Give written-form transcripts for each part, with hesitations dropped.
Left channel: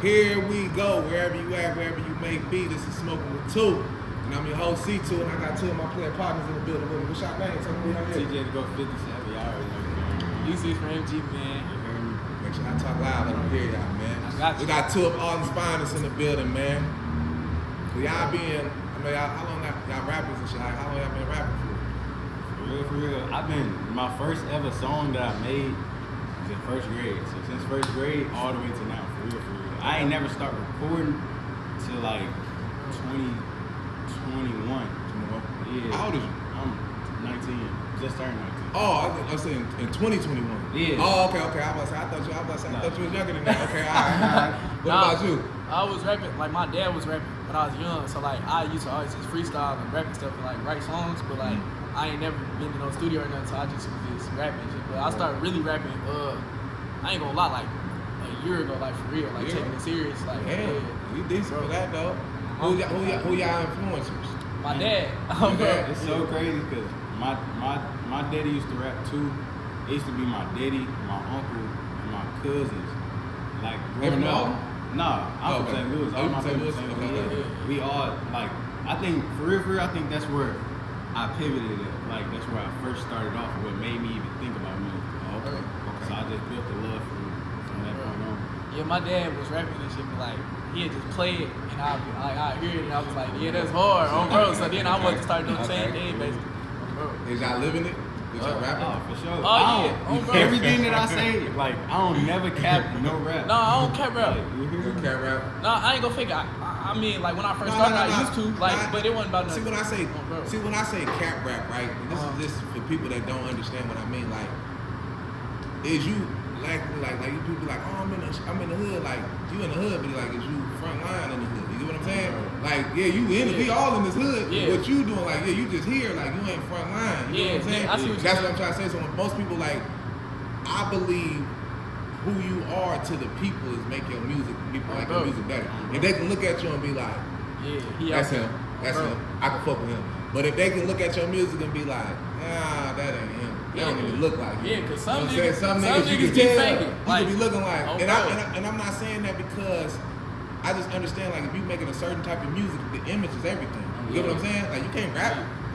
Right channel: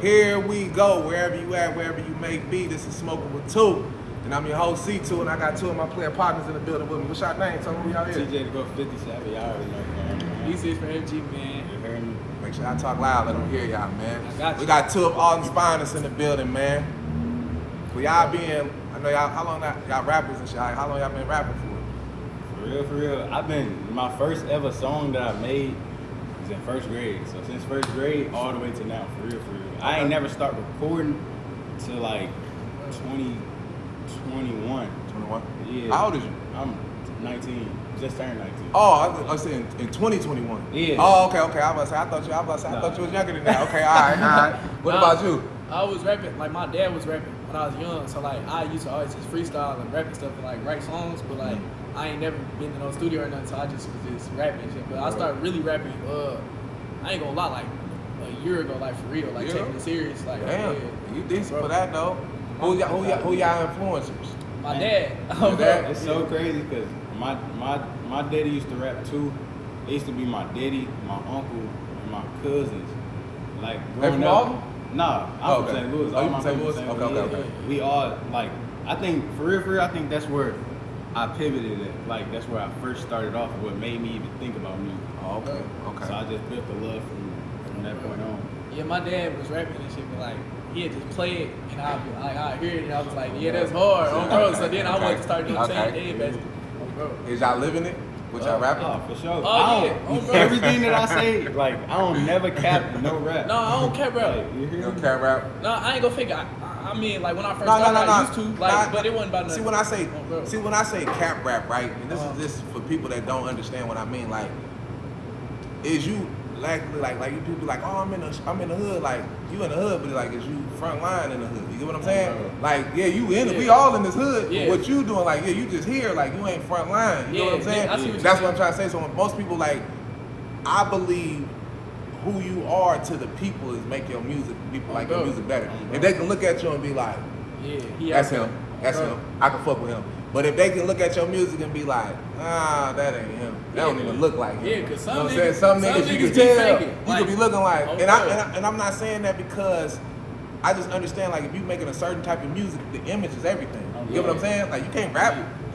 Here we go, wherever you at, wherever you may be. This is Smokinwit2, and I'm your host C2, and I got two of my player partners in the building with me. What's your name? Tell me y'all here. TJ to go 57, y'all already know what's going on. E6 from FG, man. You heard me? Make sure I talk loud, let them hear y'all, man. I got you. We got two of Alden's finest in the building, man. For y'all being, I know y'all, how long y'all rappers and shit, how long y'all been rapping for? For real. My first ever song that I made was in first grade. So since first grade all the way to now, for real. I ain't never start recording till like 2021. 21? Yeah. How old is you? I'm 19. Just turned 19. Oh, I was saying in 2021. Yeah. Oh, okay. I thought you was younger than that. Okay, all right. What about you? I was rapping, like my dad was rapping when I was young, so like I used to always just freestyle and rap and stuff and like write songs, but like I ain't never been in no studio or nothing, so I just was just rapping and shit. But I started really rapping, I ain't gonna lie, like a year ago, like for real, like taking it serious. Like, damn, you decent for that though. Who y'all influencers? My dad. It's so crazy because my daddy used to rap too. It used to be my daddy, my uncle, and my cousins. Like growing up. Nah, I'm from St. Louis. All my people from St. Louis. Okay. We all like. I think for real, I think that's where I pivoted at. Like that's where I first started off, and what made me even think about music. Oh, okay. So I just built the love from that point on. Yeah, my dad was rapping and shit, but like he'd just play it and I'd hear it and I was like, yeah, that's hard, bro. So then I wanted to start doing the same thing, basically. Bro. Is y'all living it? With y'all rapping? Oh, for sure. Bro. Everything that I say, like I don't never cap no rap. No, I don't cap rap. You hear You me? can't rap? No, I ain't gonna figure. I mean, like when I first started, I used to, like, but it wasn't about nothing. See when I say cap rap, right? And this is for people that don't understand what I mean. Like, is you like you people like, oh, I'm in the hood. Like you in the hood, but like is you front line in the hood? You get what I'm saying? Like, yeah, you in it. We all in this hood. Yeah. But what you doing? Like, yeah, you just here. Like you ain't front line. You know what I'm saying? I see what That's what I'm trying to say. So when most people like, I believe who you are to the people is make your music, people like your music better. If they can look at you and be like, that's him, I can fuck with him. But if they can look at your music and be like, that ain't him. That don't even look like him. Yeah, because you know what I'm saying? Some niggas you can tell, you could be looking like, and I'm not saying that because I just understand, like, if you making a certain type of music, the image is everything. You get what I'm saying? Like, you can't rap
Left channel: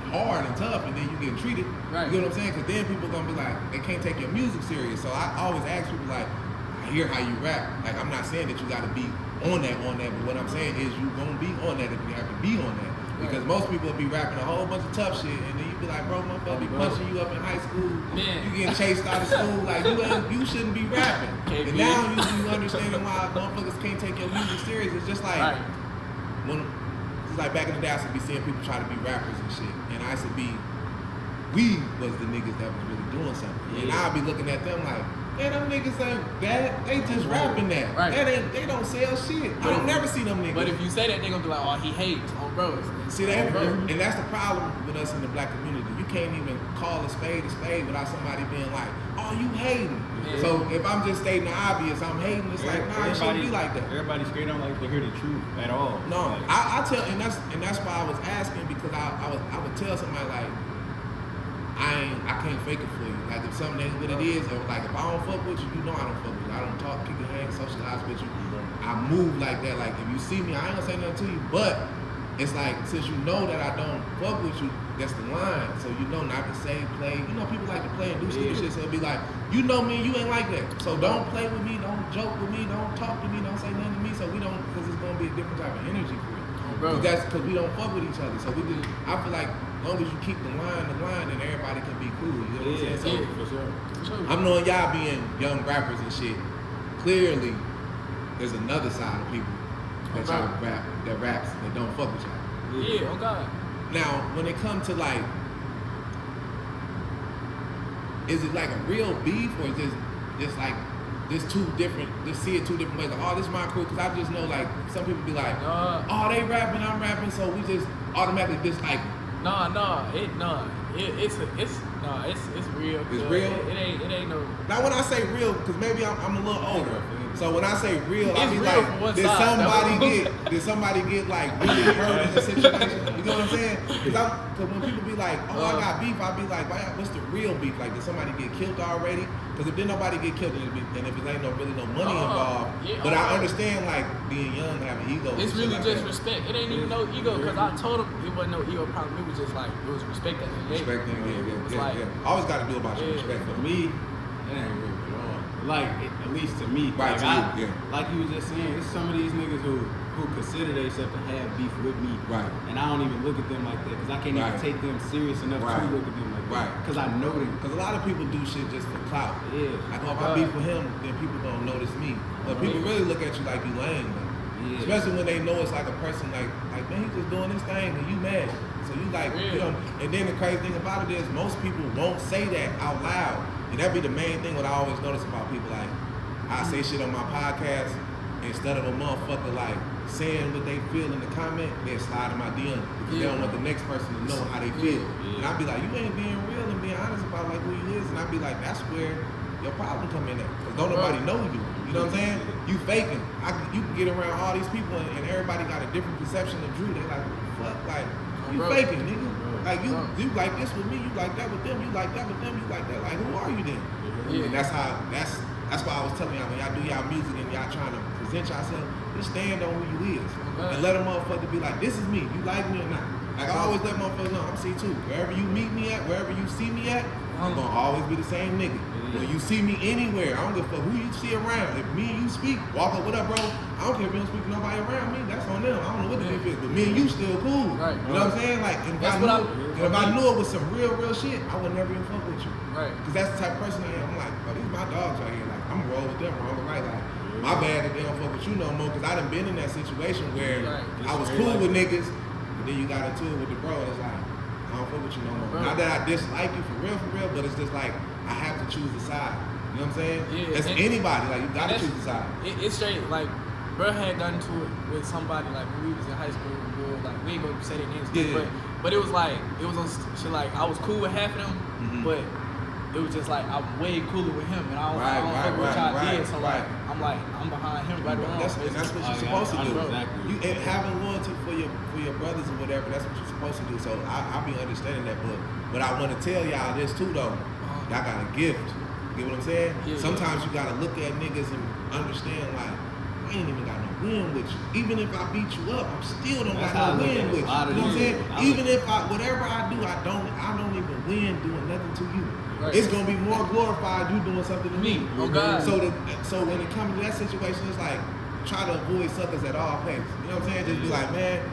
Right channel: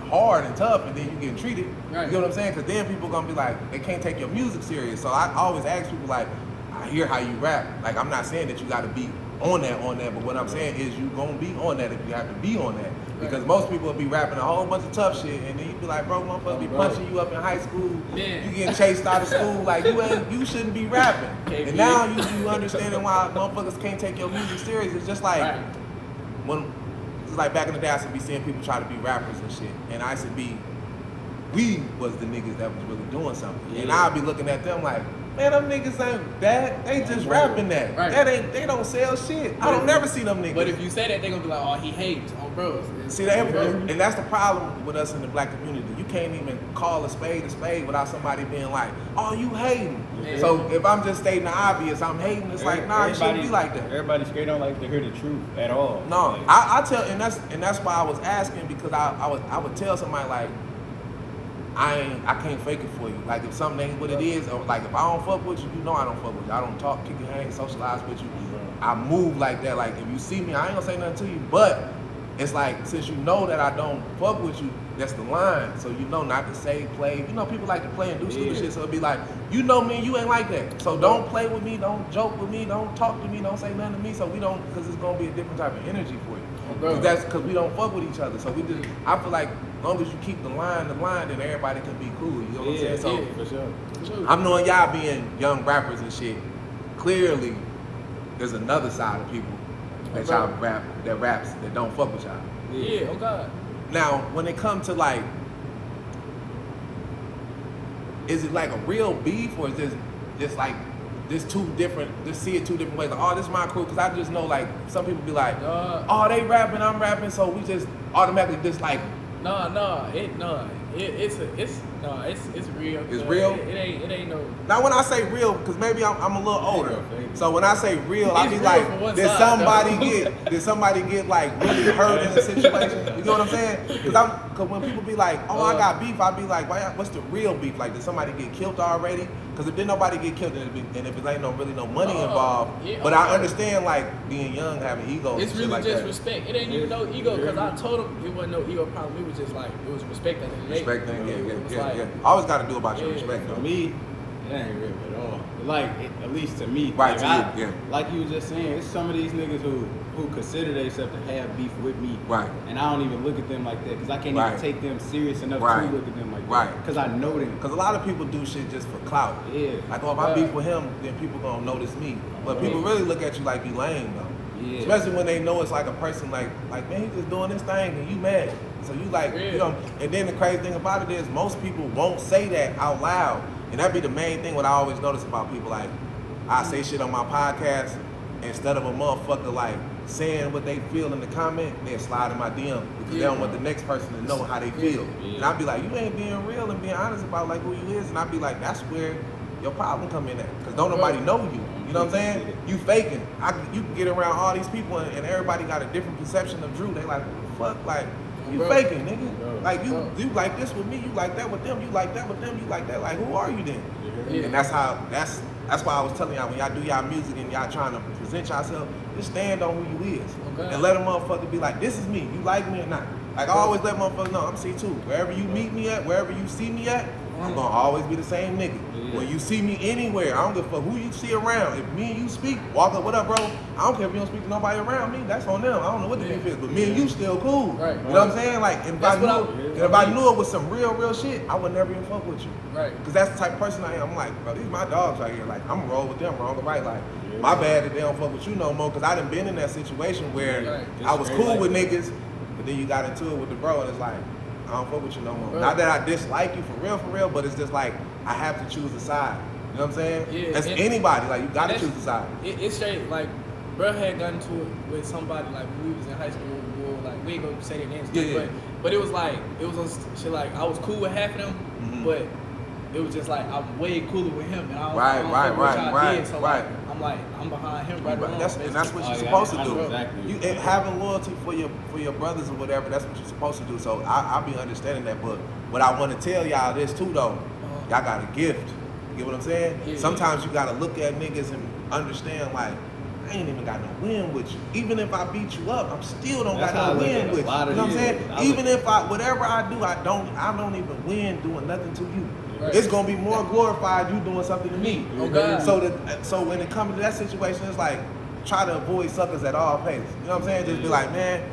hard and tough and then you get treated. Right. You know what I'm saying? Because then people gonna be like, they can't take your music serious. So I always ask people like, I hear how you rap. Like, I'm not saying that you gotta be on that, but what I'm saying is you gonna be on that if you have to be on that. Because most people will be rapping a whole bunch of tough shit, and then you be like, bro, motherfucker be punching you up in high school. Man. You getting chased out of school. Like, you shouldn't be rapping. And now you understanding why motherfuckers can't take your music serious. It's just like it's like back in the day, I used to be seeing people try to be rappers and shit, and I used to be, we was the niggas that was really doing something, and I'd be looking at them like, man, them niggas ain't that. They just rapping that. Right. They don't sell shit. I don't never see them niggas. But if you say that, they gonna be like, oh, he hates on bros. See that, and that's the problem with us in the black community. You can't even call a spade without somebody being like, oh, you hating. Yeah. So if I'm just stating the obvious, I'm hating. It's like, nah, it shouldn't be like that. Everybody straight don't like to hear the truth at all. No, like, I tell, and that's why I was asking, because I would tell somebody like, I can't fake it for you. Like, if something ain't what it is, or like if I don't fuck with you, you know I don't fuck with you. I don't talk, kick your hand, socialize with you. I move like that. Like, if you see me, I ain't gonna say nothing to you. But it's like, since you know that I don't fuck with you, that's the line. So you know not to say, play. You know, people like to play and do stupid shit. So it'd be like, you know me, you ain't like that. So don't play with me, don't joke with me, don't talk to me, don't say nothing to me. So we don't, because it's gonna be a different type of energy for you. Because we don't fuck with each other. So we just, I feel like, as long as you keep the line, then everybody can be cool. You know what I'm saying? So for sure. I'm knowing y'all being young rappers and shit. Clearly, there's another side of people that y'all raps that don't fuck with y'all. Yeah, oh God. Now, when it comes to like, is it like a real beef, or is this like just see it two different ways? Like, oh, this is my crew, because I just know like some people be like, oh, they rapping, I'm rapping, so we just automatically just like. It's No, it's real. It's real? It ain't no. Now when I say real, because maybe I'm a little older, so when I say real, I It's be real like, from one did side, somebody get like really hurt in the situation? You know what I'm saying? Because when people be like, oh, I got beef, I be like, what's the real beef? Like, did somebody get killed already? Because if did nobody get killed, and if it ain't really no money involved, but I understand like being young, having egos. It's and really shit like just that. respect. It ain't even no ego because I told him it wasn't no ego problem. It was just like it was respect that they gave. Respect thing, Like, yeah. Always got to do about your respect. For me, it ain't real at all. Like, at least to me. Right, like, to you, yeah. Like you was just saying, it's some of these niggas who consider themselves to have beef with me. Right. And I don't even look at them like that because I can't even take them serious enough to look at them like that. Right. Because I know them. Because a lot of people do shit just for clout. Yeah. Like, oh, if I beef with him, then people gonna notice me. But people really look at you like you lame, though. Yeah. Especially when they know it's like a person like man, he just doing this thing and you mad. So you like, you know, and then the crazy thing about it is most people won't say that out loud. And that be the main thing what I always notice about people. Like, I say shit on my podcast, instead of a motherfucker like saying what they feel in the comment, they slide in my DM because they don't want the next person to know how they feel. Yeah. And I be like, you ain't being real and being honest about like who you is. And I be like, that's where your problem come in at. Because don't nobody know you. You know what I'm saying? You faking. You can get around all these people and everybody got a different perception of Drew. They like, what the fuck? Like, you faking, nigga. Like, you like this with me, you like that with them, you like that with them, you like that. Like, who are you then? Yeah. And that's why I was telling y'all, when y'all do y'all music and y'all trying to present yourself, just stand on who you is. And let a motherfucker be like, this is me. You like me or not? Like, I always let motherfuckers know, I'm C2. Wherever you meet me at, wherever you see me at, I'm gonna always be the same nigga. When you see me anywhere, I don't give a fuck who you see around. If me and you speak, walk up, what up, bro? I don't care if you don't speak to nobody around me. That's on them. I don't know what the beef is, but me and you still cool. Right. You know what I'm saying? Like, if I knew it was some real shit, I would never even fuck with you. Right. Because that's the type of person I am. I'm like, bro, these my dogs right here. Like, I'm gonna roll with them wrong or right. Like, my bad that they don't fuck with you no more. Because I done been in that situation where I was cool with niggas, but then you got into it with the bro, and it's like, I don't fuck with you no more. Not that I dislike you for real, but it's just like, I have to choose a side. You know what I'm saying? Yeah, that's anybody. Like, you gotta choose a side. It's straight, like, bro had gotten to it with somebody, like, when we was in high school, like, we ain't gonna say their names, but it was like, it was on shit, like, I was cool with half of them, but it was just like, I'm way cooler with him, and I don't right. So, like, I'm like, I'm behind him right along. And that's what you're supposed to do. Exactly. You and having loyalty for your brothers or whatever, that's what you're supposed to do. So I be understanding that, but what I want to tell y'all this too, though, y'all got a gift. You get what I'm saying? Yeah, sometimes you gotta look at niggas and understand, like, I ain't even got no win with you. Even if I beat you up, I'm still don't got no win with you. You know what I'm saying? Even if whatever I do, I don't even win doing nothing to you. Right. It's gonna be more glorified you doing something to me. Oh God. So when it comes to that situation, it's like, try to avoid suckers at all places. You know what I'm saying? Just be like, man,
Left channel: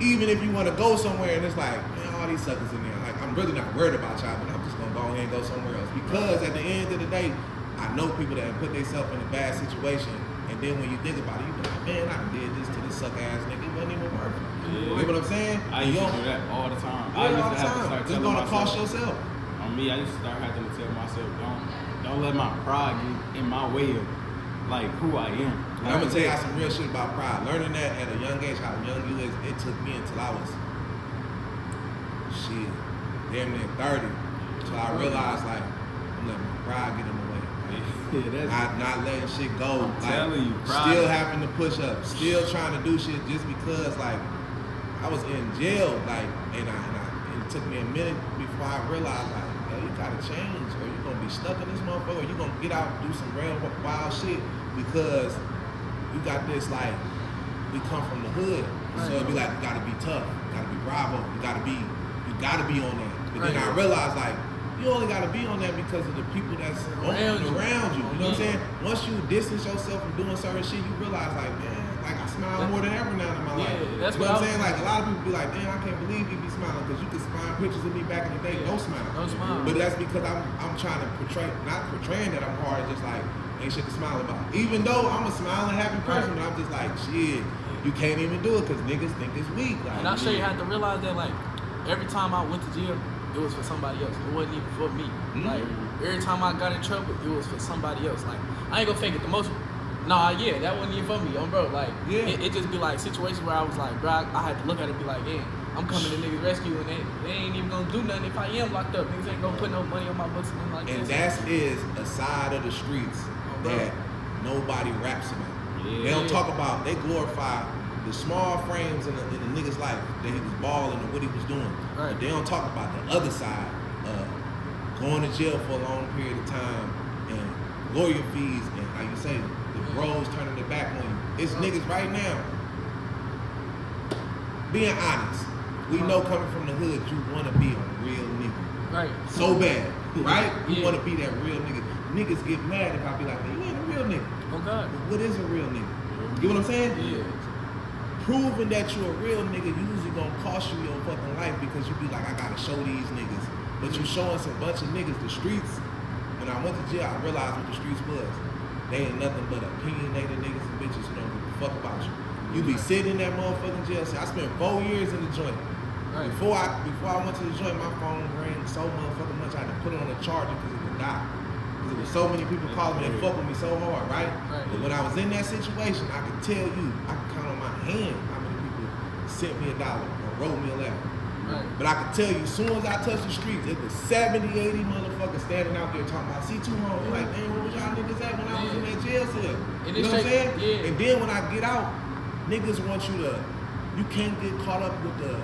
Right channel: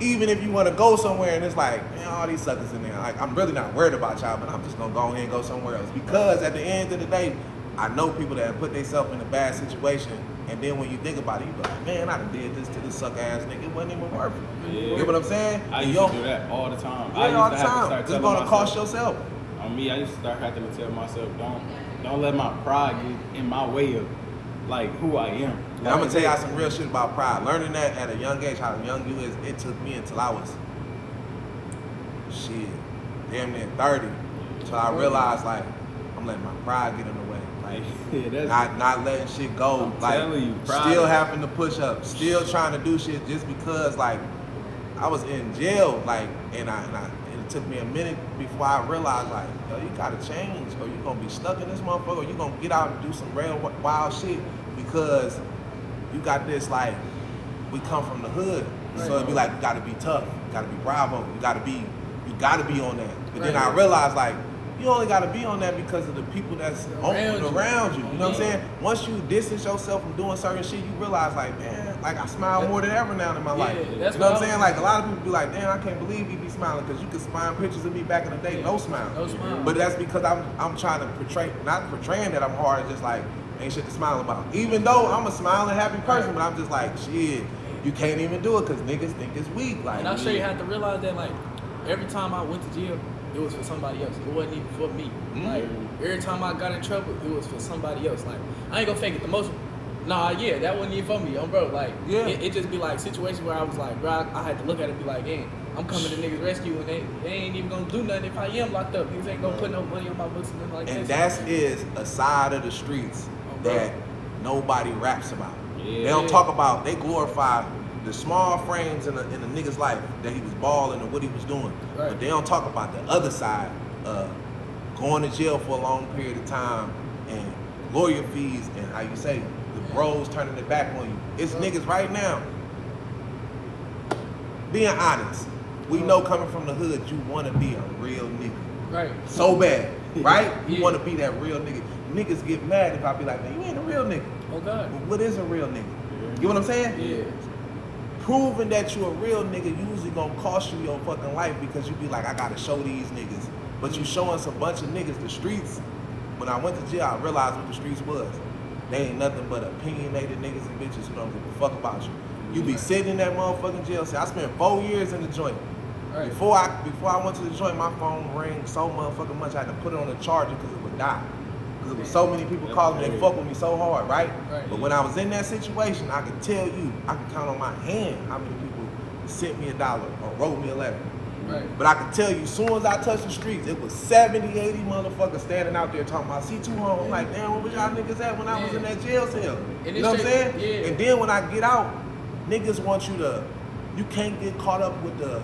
even if you want to go somewhere and it's like, man, all these suckers in there, like, I'm really not worried about y'all, but I'm just gonna go ahead and go somewhere else. Because at the end of the day, I know people that have put themselves in a bad situation, and then when you think about it, you be like, man, I done did this to this suck ass nigga. It wasn't even worth it. You get what I'm saying? I used to do that all the time. Yeah, I used all to the have time. to start It's telling gonna myself, cost yourself. On me, I used to start having to tell myself, don't let my pride get in my way of, like, who I am. And I'm gonna tell y'all some real shit about pride. Learning that at a young age, how young you is, it took me until I was damn near 30, till I realized, like, I'm letting my pride get in the way. Like, not letting shit go. I'm like, telling you, still having to push up, still trying to do shit just because, like, I was in jail, like, and it took me a minute before I realized, like, yo, you gotta change, or you're gonna be stuck in this motherfucker, or you're gonna get out and do some real wild shit because you got this, like, we come from the hood, so it'd be like, you gotta be tough, you gotta be bravo, you gotta be on that. But then I realized, like, you only gotta be on that because of the people that's around you. You know what I'm saying? Once you distance yourself from doing certain shit, you realize, like, man, like, I smile more than ever now in my life. You know what I'm saying? Like, a lot of people be like, damn, I can't believe you be smiling, because you could find pictures of me back in the day, no smile. But that's because I'm trying to portray, not portraying that I'm hard, it's just like, ain't shit to smile about. Even though I'm a smiling, happy person, but I'm just like, shit, you can't even do it because niggas think it's weak. Like, and I'm sure you have to realize that, like, every time I went to jail, it was for somebody else. It wasn't even for me. Like, every time I got in trouble, it was for somebody else. Like, I ain't gonna fake it. The most Nah, yeah, that wasn't even for me, bro. Like, Yeah. it just be like situations where I was like, bro, I had to look at it and be like, yeah, I'm coming to niggas rescue and they ain't even gonna do nothing if I am locked up. Niggas ain't gonna put no money on my books and nothing like And that. that is a side of the streets bro. that nobody raps about. Yeah. They don't talk about, they glorify the small frames in the nigga's life, that he was balling and what he was doing. Right. But they don't talk about the other side of going to jail for a long period of time and lawyer fees and how you say, the bros turning their back on you. It's niggas right now. Being honest, we know coming from the hood, you want to be a real nigga. Right. So bad, right? You Yeah. want to be that real nigga. Niggas get mad if I be like, man, you ain't a real nigga. Oh God. But what is a real nigga? You know what I'm saying? Yeah. Proving that you're a real nigga usually gonna cost you your fucking life because you be like, I gotta show these niggas. But you showing some bunch of niggas the streets. When I went to jail, I realized what the streets was. They ain't nothing but opinionated niggas and bitches who don't give a fuck about you. You be sitting in that motherfucking jail cell. I spent 4 years in the joint. Right. Before I went to the joint, my phone rang so motherfucking much I had to put it on the charger because it would die. Because there was so many people calling me, they fuck with me so hard, right? Right. But when I was in that situation, I could tell you, I could count on my hand how many people sent me $1 or wrote me a letter. Right. But I could tell you, as soon as I touched the streets, it was 70, 80 motherfuckers standing out there talking about C2 home. I'm like, damn, where was y'all niggas at when I was in that jail cell? And You know what I'm saying? yeah. And then when I get out, niggas want you can't get caught up with the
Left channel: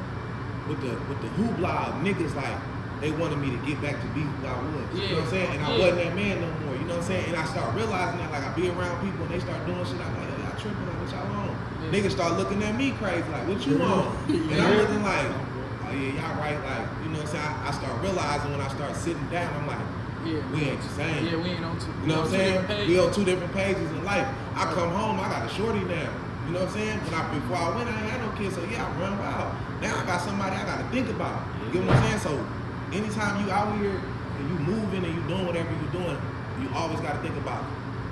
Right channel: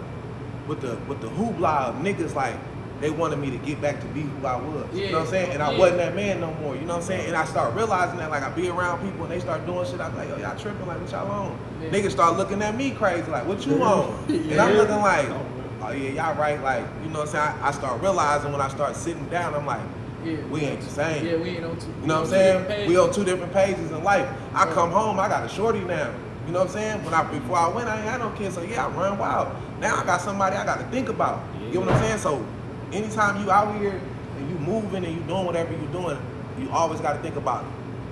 hoopla of niggas like they wanted me to get back to be who I was. You know what I'm saying? And I wasn't that man no more. You know what I'm saying? And I start realizing that, like, I be around people and they start doing shit. I be like, yo, y'all tripping, like, what y'all on? Yeah. Niggas start looking at me crazy, like, what you on? And I'm looking like, oh yeah, y'all right. Like, you know what I'm saying? I start realizing when I start sitting down, I'm like, Yeah. we ain't the same. Yeah, we ain't on two. You know what I'm saying? We on 2 different pages in life. I come home, I got a shorty now. You know what I'm saying? But before I went, I ain't had no kids, so yeah, I run wild. Now I got somebody I got to think about. You know what I'm saying? So anytime you out here and you moving and you doing whatever you doing, you always got to think about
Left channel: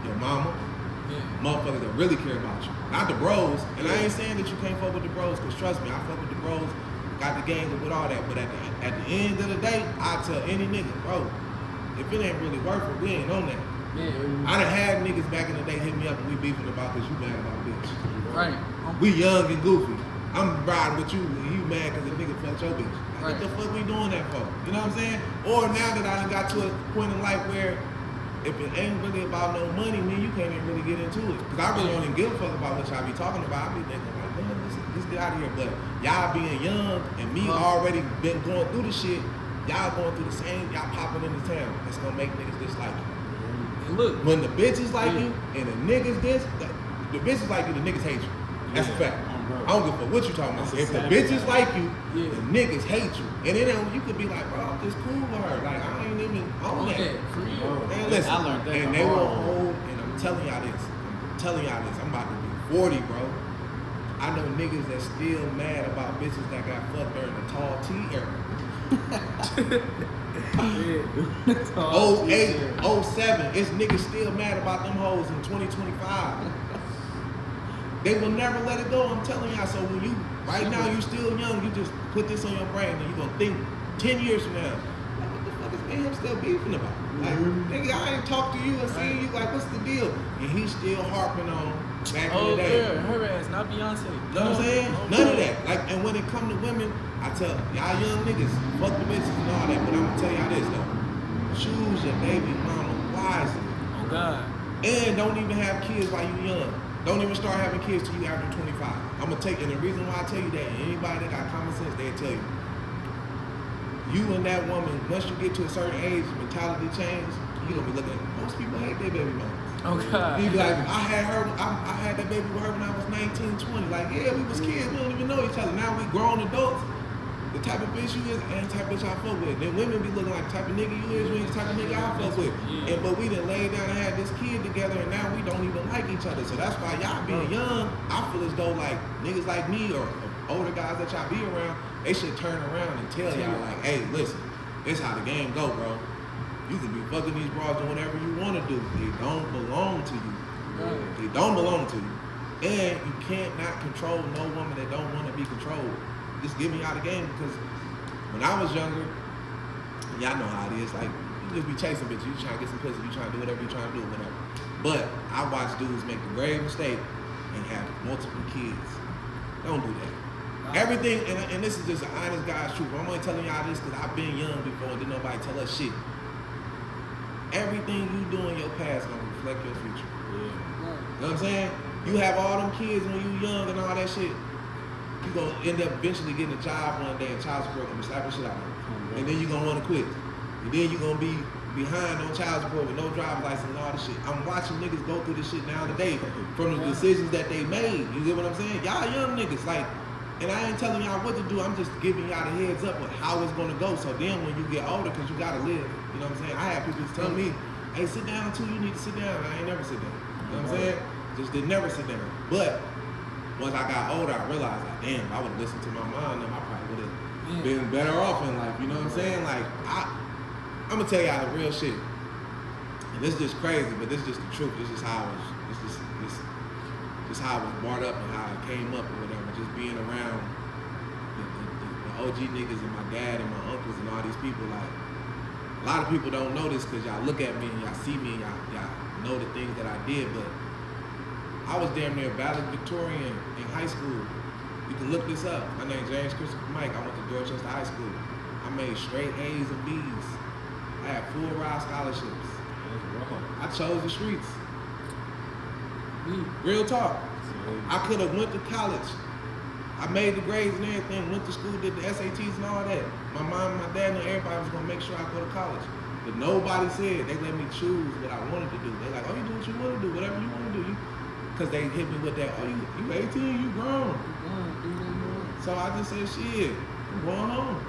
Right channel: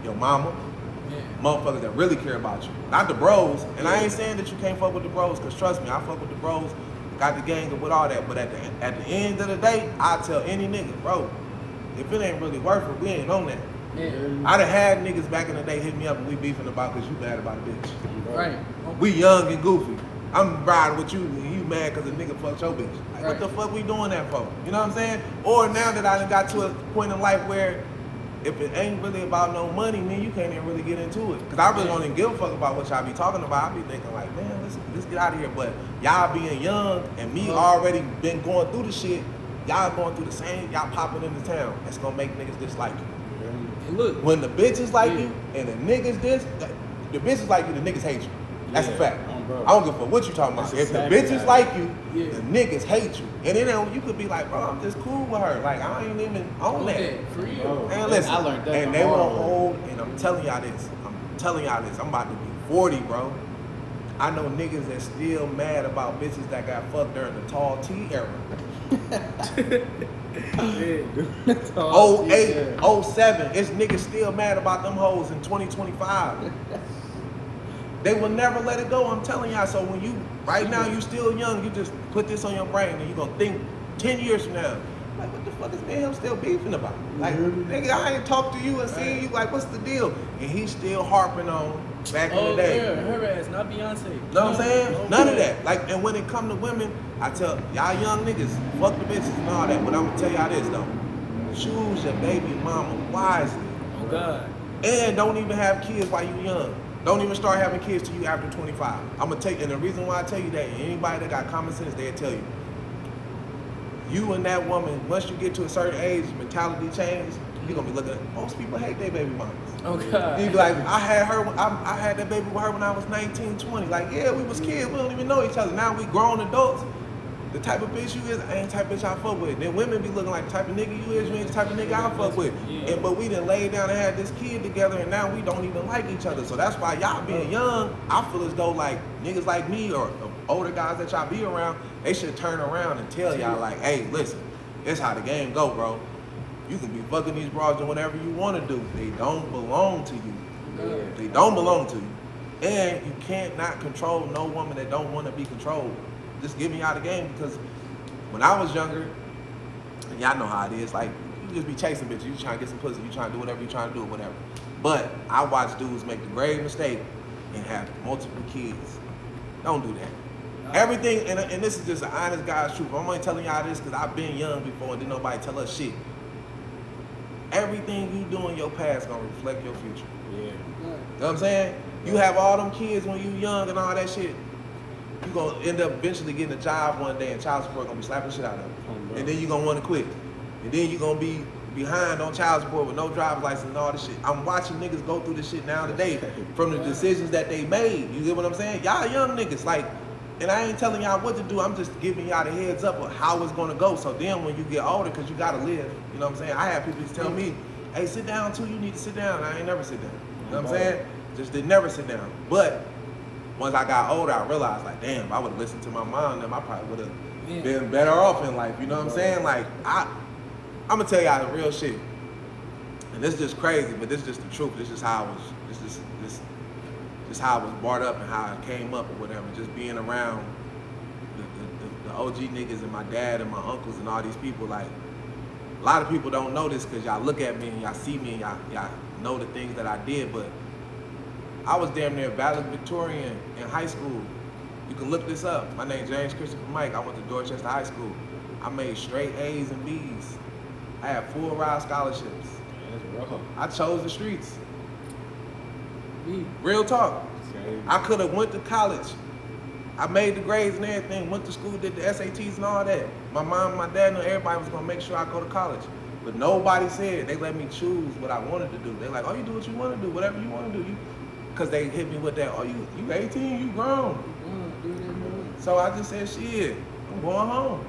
your mama, motherfuckers that really care about you, not the bros. And I ain't saying that you can't fuck with the bros, because trust me, I fuck with the bros, got the games and with all that. But at the end of the day, I tell any nigga, bro, if it ain't really worth it, we ain't on that. Yeah. I done had niggas back in the day hit me up and we beefing about because you mad about a bitch. Right. We young and goofy. I'm riding with you and you mad because a nigga fucked your bitch. Like, Right. what the fuck we doing that for? You know what I'm saying? Or now that I done got to a point in life where if it ain't really about no money, man, you can't even really get into it. Because I really don't even give a fuck about what y'all be talking about. I be thinking like, man, let's get out of here. But y'all being young and me already been going through the shit, y'all going through the same, y'all popping into town. That's gonna make niggas dislike you. And look, When the bitches like you and the niggas the bitches like you, the niggas hate you. That's a Yeah, fact. bro. I don't give a fuck what you talking about. That's If the exactly bitches how like you, Yeah. the niggas hate you. And then you could be like, bro, I'm just cool with her. Like, I ain't even on that. for real. Bro, Man, listen. I learned that And the they will hard way. hold, and I'm telling y'all this. I'm about to be 40, bro. I know niggas that still mad about bitches that got fucked during the tall T era. Yeah. 08, 07, it's niggas still mad about them hoes in 2025. They will never let it go, I'm telling y'all. So when you, right now, you still young, you just put this on your brain and you gonna think 10 years from now, like, what the fuck is me and him still beefing about? Like, nigga, I ain't talked to you and seen you, like, what's the deal? And he's still harping on back in the day. Yeah, her ass, not Beyonce. Know what I'm saying? None of that. Like, and when it come to women, I tell y'all young niggas, fuck the bitches and all that, but I'm gonna tell y'all this though. Choose your baby mama wisely. Oh God. And don't even have kids while you young. Don't even start having kids till you after 25. I'm gonna and the reason why I tell you that, and anybody that got common sense, they'll tell you. You and that woman, once you get to a certain age, mentality change, you're gonna be looking at, most people hate their baby mamas. Oh God. You be like, I had that baby with her when I was 19, 20. Like, yeah, we was kids, we don't even know each other. Now we grown adults. The type of bitch you is ain't the type of bitch I fuck with. Then women be looking like the type of nigga you is, you ain't the type of nigga I fuck with. Yeah. But we done laid down and had this kid together and now we don't even like each other. So that's why y'all being young, I feel as though like niggas like me or older guys that y'all be around, they should turn around and tell y'all like, hey, listen, this how the game go, bro. You can be fucking these broads and whatever you want to do. They don't belong to you. Yeah. They don't belong to you. And you can't not control no woman that don't want to be controlled. Just get me out of the game, because when I was younger, and y'all know how it is, like, you just be chasing bitches. You trying to get some pussy, you trying to do whatever you trying to do, whatever. But I watch dudes make the grave mistake and have multiple kids. Don't do that. Everything, and this is just an honest God's truth. I'm only telling y'all this because I've been young before and didn't nobody tell us shit. Everything you do in your past gonna reflect your future. Yeah. You know what I'm saying? You have all them kids when you young and all that shit. You gonna end up eventually getting a job one day and child support gonna be slapping shit out of you. And then you gonna want to quit. And then you gonna be behind on child support with no driver's license and all this shit. I'm watching niggas go through this shit now today from the decisions that they made. You get what I'm saying? Y'all young niggas, like, and I ain't telling y'all what to do. I'm just giving y'all the heads up of how it's gonna go. So then when you get older, cause you gotta live, you know what I'm saying? I have people just telling me, hey, sit down too, you need to sit down. I ain't never sit down. You know what I'm saying? Just did never sit down. But once I got older, I realized, like, damn, I would have listened to my mom, then I probably would have been better off in life. You know what I'm saying? Like, I'm gonna tell y'all the real shit. And this is just crazy, but this is just the truth. This is how I was. This how I was brought up and how I came up or whatever. Just being around the OG niggas and my dad and my uncles and all these people. Like, a lot of people don't know this because y'all look at me and y'all see me and y'all know the things that I did, but I was damn near valedictorian in high school. You can look this up. My name's James Christopher Mike. I went to Dorchester High School. I made straight A's and B's. I had full ride scholarships. That's rough. I chose the streets. Real talk. I could have went to college. I made the grades and everything, went to school, did the SATs and all that. My mom and my dad knew everybody was gonna make sure I go to college. But nobody said, they let me choose what I wanted to do. They're like, oh, you do what you want to do, whatever you want to do. Because they hit me with that, oh, you 18, you grown. So I just said, shit, I'm going home.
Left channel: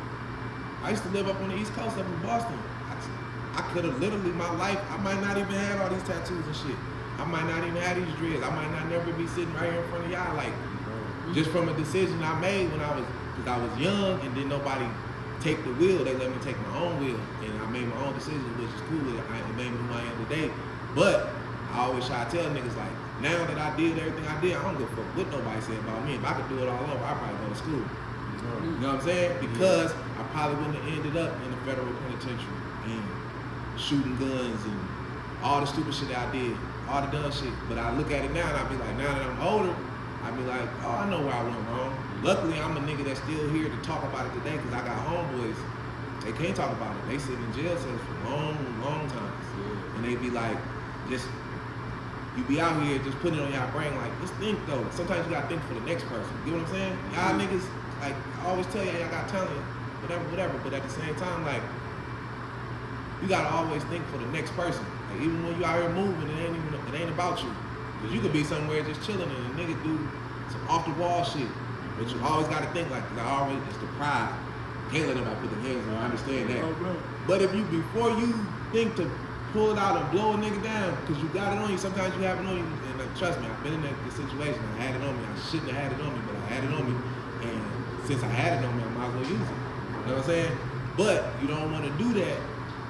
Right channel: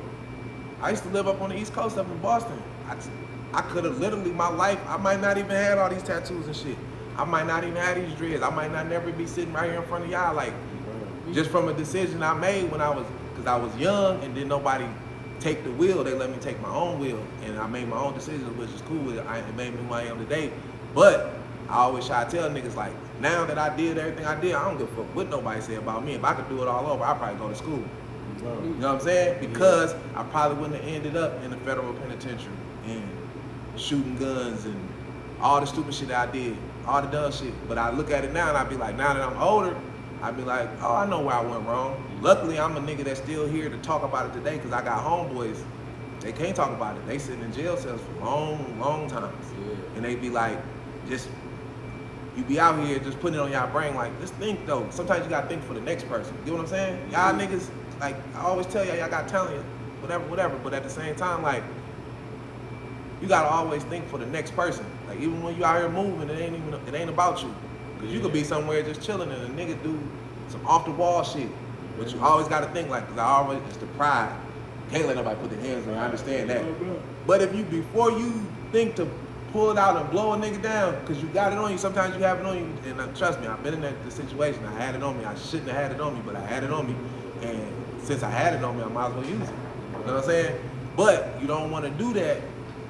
I used to live up on the East Coast, up in Boston. I could have literally, my life, I might not even had all these tattoos and shit. I might not even have these dreads. I might not never be sitting right here in front of y'all, like, just from a decision I made when I was young and didn't nobody take the wheel. They let me take my own wheel, and I made my own decision, which is cool. It made me who I am today. But I always try to tell niggas, like, now that I did everything I did, I don't give a fuck what nobody said about me. If I could do it all over, I'd probably go to school. You know what I'm saying? Because I probably wouldn't have ended up in the federal penitentiary and shooting guns and all the stupid shit that I did, all the dumb shit. But I look at it now and I be like, now that I'm older, I be like, oh, I know where I went wrong. Luckily, I'm a nigga that's still here to talk about it today because I got homeboys. They can't talk about it. They sitting in jail cells for long times. And they be like, just, you be out here just putting it on y'all brain like, just think though. Sometimes you gotta think for the next person. You know what I'm saying? Y'all niggas, like, I always tell y'all got talent, whatever. But at the same time, like, you gotta always think for the next person. Like, even when you out here moving, it ain't about you. Cause you could be somewhere just chilling and a nigga do some off the wall shit. But you always gotta think like, cause it's the pride. Can't let nobody put their hands on you. I understand that. But if you, before you think to pull it out and blow a nigga down, cause you got it on you, sometimes you have it on you. And trust me, I've been in that situation. I had it on me. I shouldn't have had it on me, but I had it on me. And since I had it on me, I might as well use it. You know what I'm saying? But you don't want to do that.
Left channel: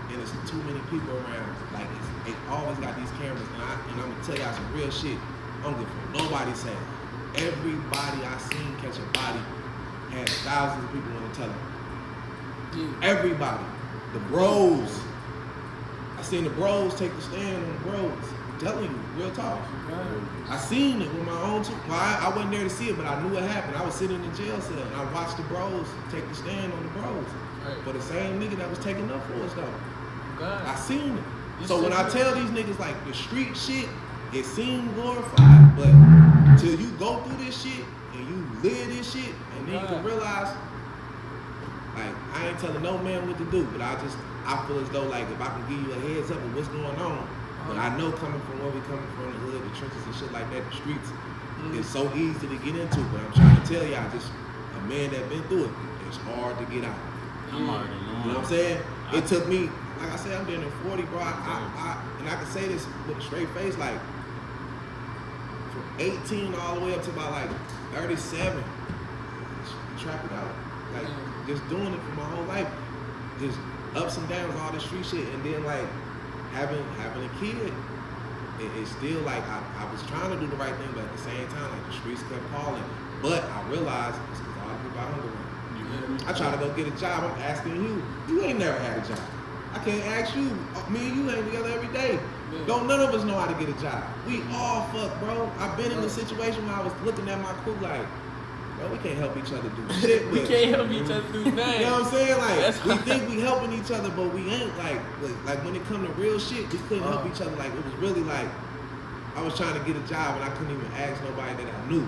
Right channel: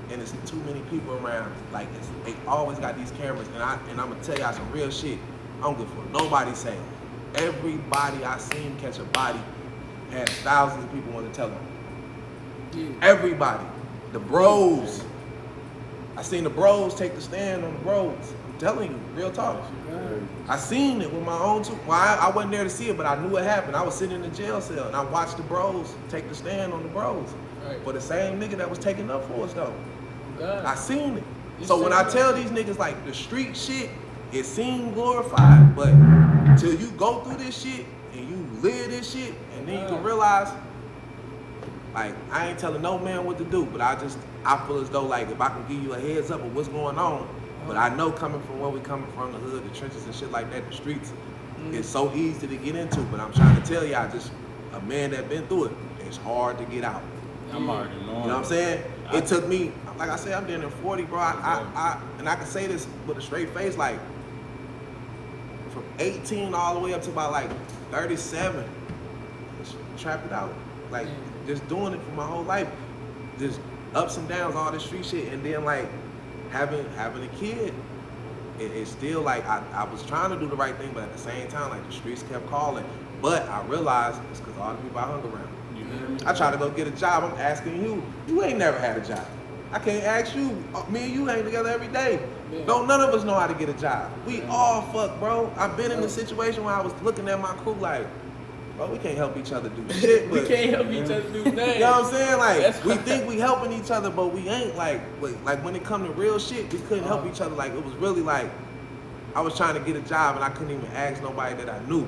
And there's too many people around. Like, they always got these cameras. And I'm gonna tell y'all some real shit. I don't give a fuck. Nobody saying. Everybody I seen catch a body had thousands of people want to tell them. Everybody. The bros. I seen the bros take the stand on the bros. I'm telling you, real talk. I seen it with my own two. Well, I wasn't there to see it, but I knew it happened. I was sitting in the jail cell and I watched the bros take the stand on the bros. For the same nigga that was taking up for us though. I seen it. So when I tell these niggas like the street shit, it seems glorified, but till you go through this shit and you live this shit, and then you can realize, like, I ain't telling no man what to do, but I feel as though like if I can give you a heads up of what's going on, but I know coming from where we coming from, the hood, the trenches and shit like that, the streets, it's so easy to get into, but I'm trying to tell y'all, just a man that been through it, it's hard to get out. I'm already knowing. You know what I'm saying? It took me, like I said, I've been in 40, bro. And I can say this with a straight face, like from 18 all the way up to about like 37, trap it out. Like just doing it for my whole life. Just ups and downs, all this street shit. And then like having a kid, it's still like I was trying to do the right thing, but at the same time, like the streets kept calling. But I realized it's because all the people I hung around. I try to go get a job. I'm asking you ain't never had a job. I can't ask you. Me and you hang together every day. Yeah. Don't none of us know how to get a job. We all fuck, bro. I've been in a situation where I was looking at my crew like, bro, we can't help each other do shit. We But, can't help each other do nothing. you know what I'm saying? Like, That's we right. think we helping each other, but we ain't. Like when it come to real shit, we couldn't help Uh-huh. each other. Like, it was really like, I was trying to get a job and I couldn't even ask nobody that I knew.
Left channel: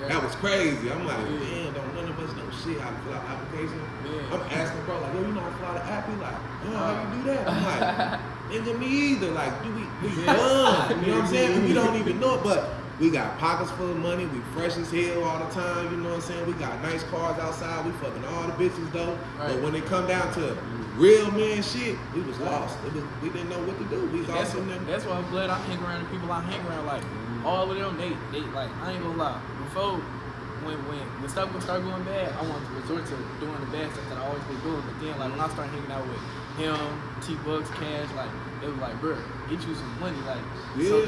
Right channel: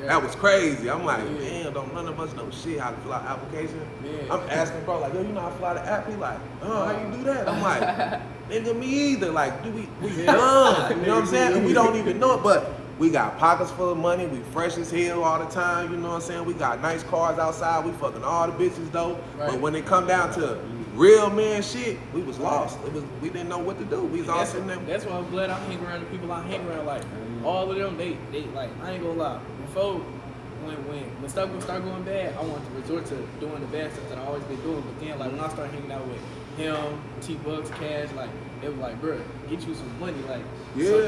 Yeah. That was crazy. I'm like, Yeah. damn, don't none of us know shit how to fill out application. Yeah. I'm asking bro, like, yo, you know how to fill out an app? He like, oh, how you do that? I'm like, nigga, me either. Like, dude, we dumb. You know what I'm saying? And we don't even know it, but we got pockets full of money. We fresh as hell all the time. You know what I'm saying? We got nice cars outside. We fucking all the bitches though. Right. But when it come down to real man shit, we was lost. We didn't know what to do. We was all sitting there. That's why I'm glad I hang around the people I hang around. Like all of them, they like I ain't gonna lie. Before when stuff would start going bad, I wanted to resort to doing the bad stuff that I always been doing. But then like when I started hanging out with him, T-Bucks, Cash, like it was like, bro, get you some money, like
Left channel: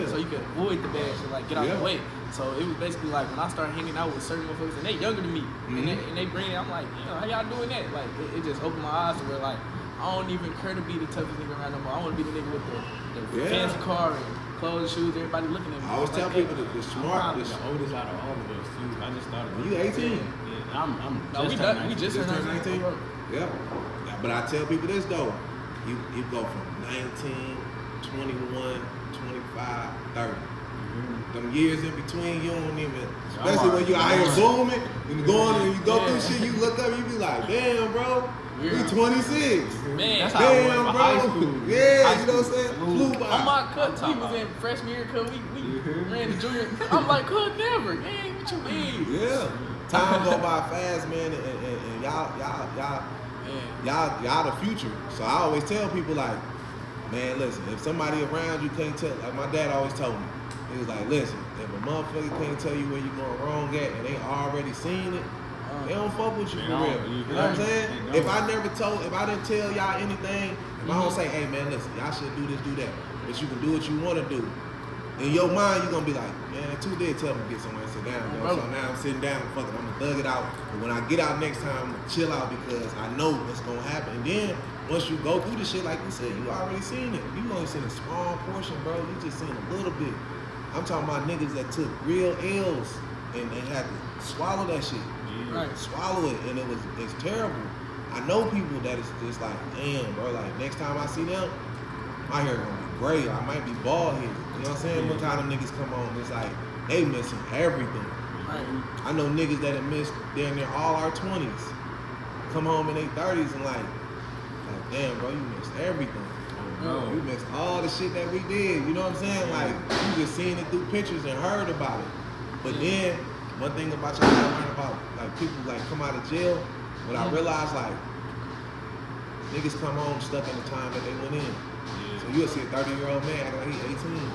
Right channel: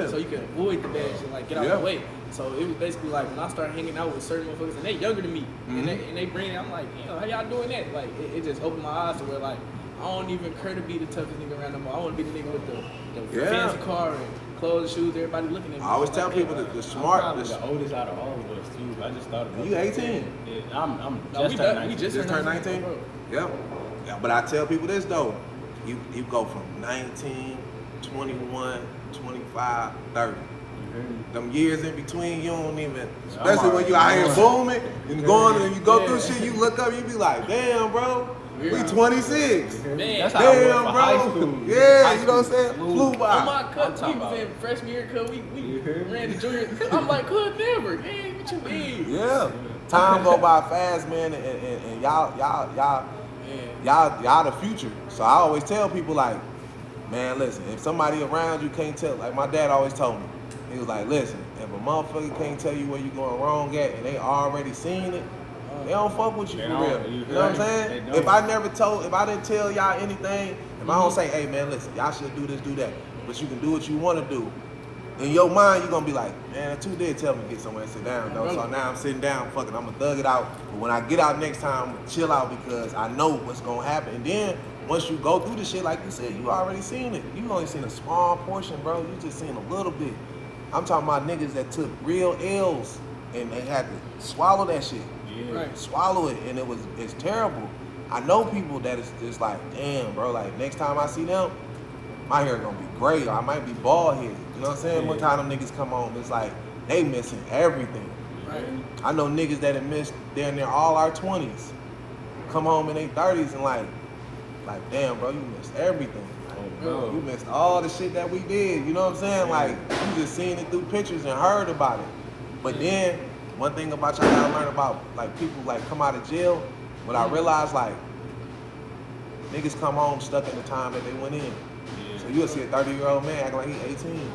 so you can avoid the bad shit, like get out the way. So it was basically like when I started hanging out with certain motherfuckers and they younger than me, and they bring it, I'm like, you know, how y'all doing that? Like it just opened my eyes to where like I don't even care to be the toughest nigga around no more. I want to be the nigga with the fancy car and clothes, shoes, everybody looking at me. I always tell people that the I'm smart. probably the oldest out of all of us too. I just started. You 18? Yeah, I'm No, just turned 19. we just turned 19? Yep. Yeah, but I tell people this though. You go from 19, 21, 25, 30. Them years in between, you don't even, especially when you out here booming and going and you go through shit, you look up, you be like, damn, bro, we 26. Man, That's how I was Damn, for bro. high school. Yeah, High you know what I'm saying? school Flew by. on my cut, talking we was about- in freshman year, cause we ran the junior. I'm like, could never. Dang, what you mean? Yeah. Time go by fast, man, and y'all the future. So I always tell people like, man, listen, if somebody around you can't tell, like my dad always told me, he was like, listen, if a motherfucker can't tell you where you going wrong at and they already seen it, they don't fuck with you They for don't. real. You You know what I'm right. saying? They If don't. I didn't tell y'all anything, if I don't say, hey man, listen, y'all should do this, do that, but you can do what you want to do. In your mind, you're gonna be like, man, two did tell me to get somewhere and sit down, though. So now I'm sitting down, fucking, I'm gonna thug it out. But when I get out next time, I'm gonna chill out because I know what's gonna happen. And then once you go through the shit, like you said, you already seen it. You only seen a small portion, bro. You just seen a little bit. I'm talking about niggas that took real L's and they had to swallow that shit. Yeah. Right. Swallow it, and it's terrible. I know people that it's just like, damn, bro, like next time I see them, my hair gonna be gray, or I might be bald headed. You know what I'm saying? One time them niggas come on, it's like they missing everything. Right. I know niggas that have missed damn near all our 20s, come home in their 30s and like damn, bro, you missed everything. Oh, You missed all the shit that we did. You know what I'm saying? Like you just seen it through pictures and heard about it. But then one thing about y'all gotta learn about like people like come out of jail. What I realized like niggas come home stuck in the time that they went in. Yeah. So you'll see a 30-year-old man acting like he 18.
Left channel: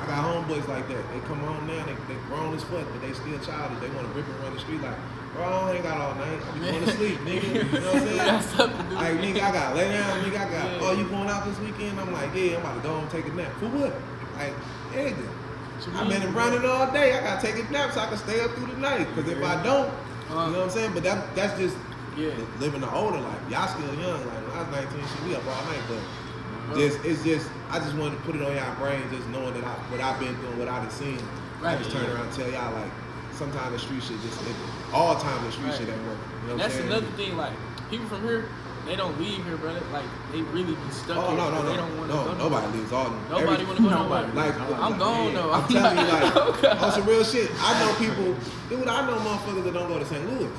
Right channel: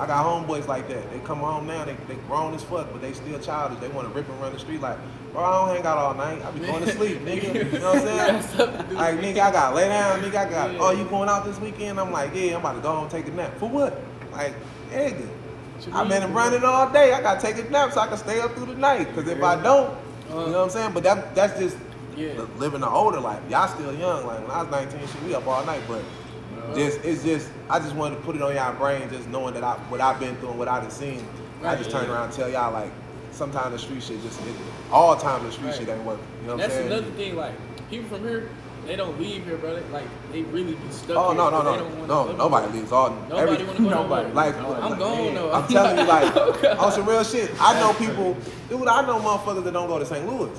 I got homeboys like that. They come home now, they grown as fuck, but they still childish. They want to rip and run the street like, bro, I don't hang out all night. I be going to sleep, nigga. You know what I'm saying? Like, nigga, I got lay down, nigga, I got, oh, you going out this weekend? I'm like, yeah, I'm about to go home and take a nap. For what? Like, nigga, I've been running all day. I got to take a nap so I can stay up through the night. Because if I don't, you know what I'm saying? But that's just living the older life. Y'all still young. Like, when I was 19, shit, we up all night, but I just wanted to put it on y'all brain, just knowing that what I've been through and what I done seen. I just turn around and tell y'all like, sometimes the street shit all times the street shit ain't working. You know what I'm saying? That's another thing. Like people from here, they don't leave here, brother. Like they really be stuck. Oh here, no, they don't wanna go nobody nowhere. leaves. All Nobody want to go nobody. nowhere. like I'm gone though. I'm telling you, like on some real shit. I know people, dude. I know motherfuckers that don't go to St. Louis.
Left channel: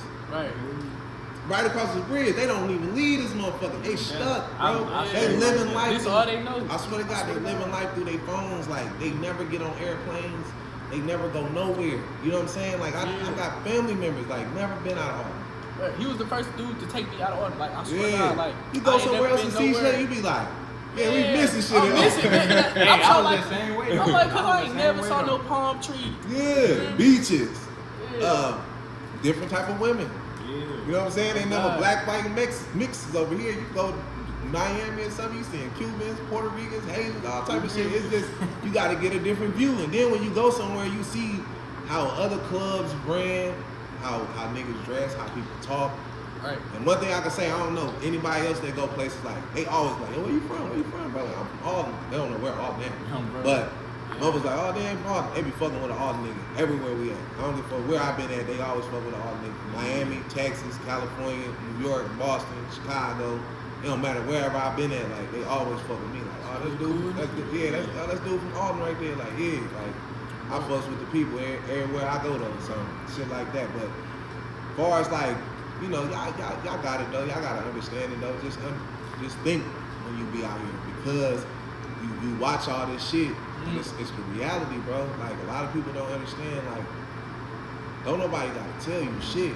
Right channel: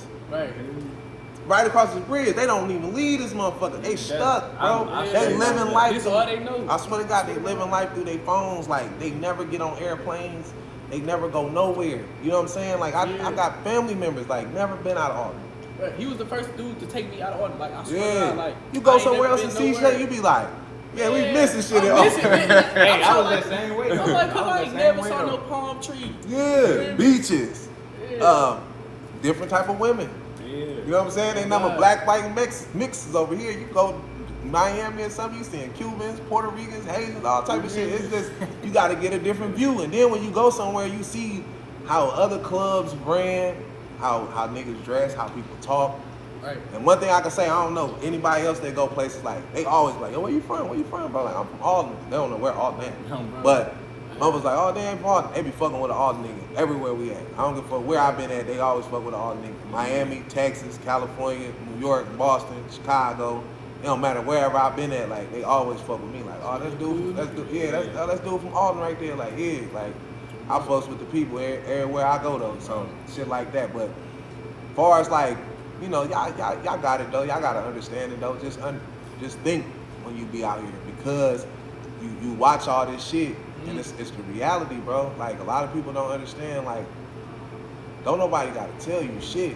Right across the bridge, they don't even leave this motherfucker. They stuck, bro. They living life. This all they know. I swear to God, they living life through their phones. Like they never get on airplanes. They never go nowhere. You know what I'm saying? Like I got family members like never been out of Austin. Bro, he was the first dude to take me out of Austin. Like I swear to God, like you go I ain't somewhere never else and been see nowhere. shit, you be like, yeah, we missing shit in I'm missing, Austin. man. Hey, I was like, that same way. I'm like, I I was ain't the never same saw way, no though. palm trees. Yeah, beaches, Yeah. different type of women. You know what I'm saying? Ain't nothing but black, white, and mixes over here. You go to Miami or something, you seeing Cubans, Puerto Ricans, Haitians, all type of shit. It's just, you got to get a different view. And then when you go somewhere, you see how other clubs ran, how niggas dress, how people talk. Right. And one thing I can say, I don't know anybody else that go places like they always like, yo, where you from? Where you from, bro? Like I'm from Alden. They don't know where Alden is. But motherfuckers like, oh, they ain't from Alden. They be fucking with the Alden niggas everywhere we at. I don't give a fuck where I've been at. They always fuck with the Alden niggas. Miami, Texas, California, New York, Boston, Chicago. It don't matter wherever I've been at. Like they always fuck with me. Like, oh, that's dude. That's dude from Alden right there. Like, yeah, like I fucks with the people everywhere I go though. So shit like that. But as far as like, you know, y'all got it though. Y'all gotta understand it though. Just think when you be out here because you watch all this shit and it's the reality, bro. Like a lot of people don't understand. Like, don't nobody gotta tell you shit.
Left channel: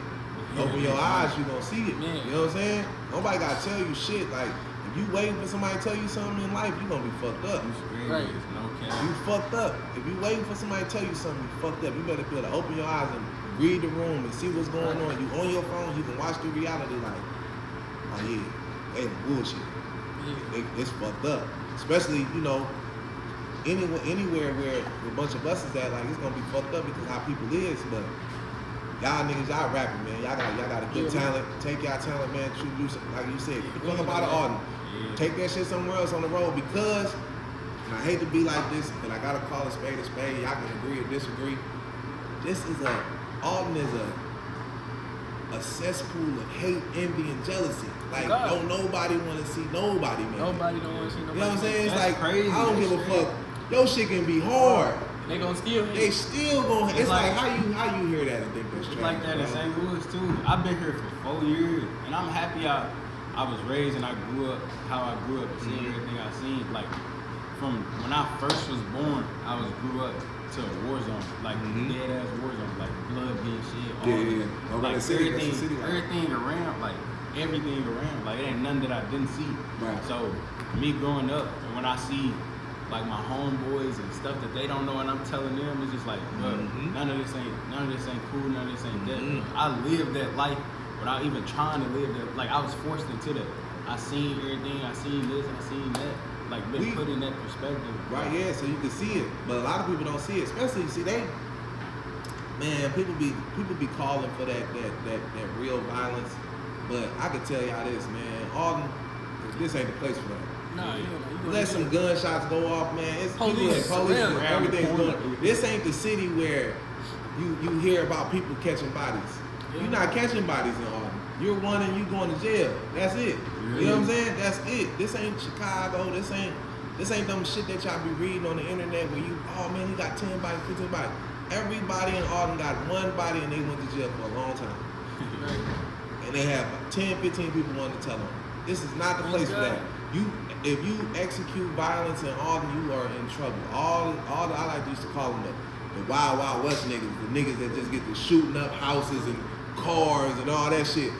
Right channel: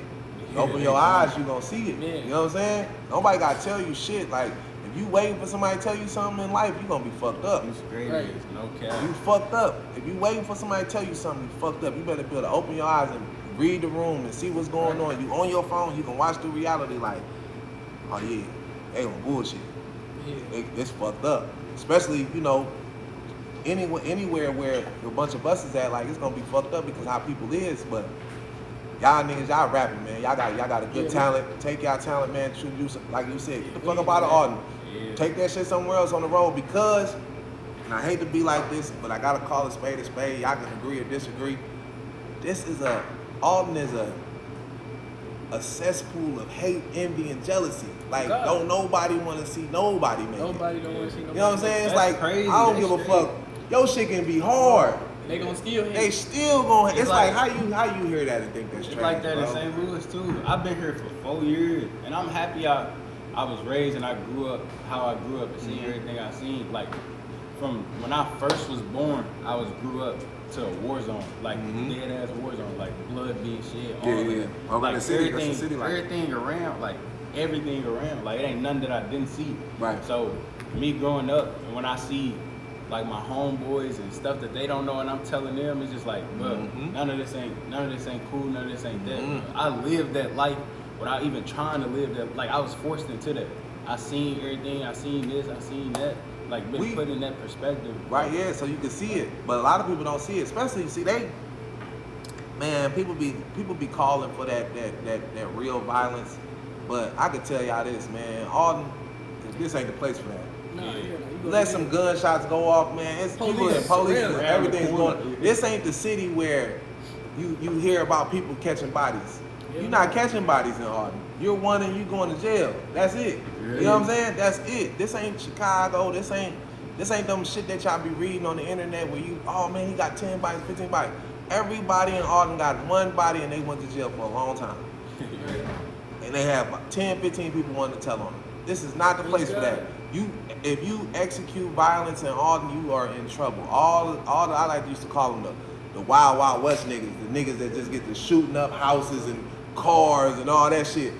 Open your eyes, you gonna see it. Yeah. You know what I'm saying? Nobody gotta tell you shit. Like if you waiting for somebody to tell you something in life, you gonna be fucked up. You straight Right. is no cap. You fucked up. If you waiting for somebody to tell you something, you fucked up. You better be able to open your eyes and read the room and see what's going on. You on your phone, you can watch the reality like, oh yeah, they on bullshit. Yeah. It's fucked up. Especially, you know, anywhere where a bunch of buses at, like it's gonna be fucked up because how people is. But y'all niggas, y'all rapping, man. Y'all got a good talent. Take y'all talent, man. Like you said, get the fuck up out of Alden. Yeah. Take that shit somewhere else on the road because, and I hate to be like this, but I gotta call a spade a spade. Y'all can agree or disagree. Alden is a cesspool of hate, envy, and jealousy. Like, don't nobody want to see nobody, man. Nobody don't want to see nobody. You know what I'm saying? It's That's like, crazy. I don't give a fuck. Your shit can be hard. They gonna steal him. They still gonna. It's like, like- how you hear that and think that's It's strange, like that in bro? St. Louis too. I've been here for 4 years, and I'm happy I was raised and I grew up how I grew up and seeing everything I seen. Like from when I first was born, grew up to a war zone, like dead ass war zone, like blood being shed, all of Yeah. that. I'm Like about to say, that's the everything, city life. everything around, like everything around, like it ain't nothing that I didn't see. Right. So me growing up, and when I see like my homeboys and stuff that they don't know, and I'm telling them, it's just like, bro, none of this ain't cool, none of this ain't that. Bro. I lived that life without even trying to live that. Like I was forced into that. I seen everything. I seen this. I seen that. Like been put in that perspective. Right, yeah, so you can see it. But a lot of people don't see it. Especially, see, people be calling for that real violence. But I can tell y'all this, man, Alden, this ain't the place for that. Nah, you Let some gunshots go off, man. It's people in police and everything's going. This ain't the city where you hear about people catching bodies. You're not catching bodies in Alden. You're one and you going to jail. That's it. You know what I'm saying? That's it. This ain't Chicago. This ain't them shit that y'all be reading on the internet where you, oh man, he got 10 bodies, 15 bodies. Everybody in Alden got one body and they went to jail for a long time. And they have 10, 15 people wanting to tell on them. This is not the place for that. If you execute violence in Alden, you are in trouble. All I like to used to call them the Wild Wild West niggas, the niggas that just get to shooting up houses and cars and all that shit.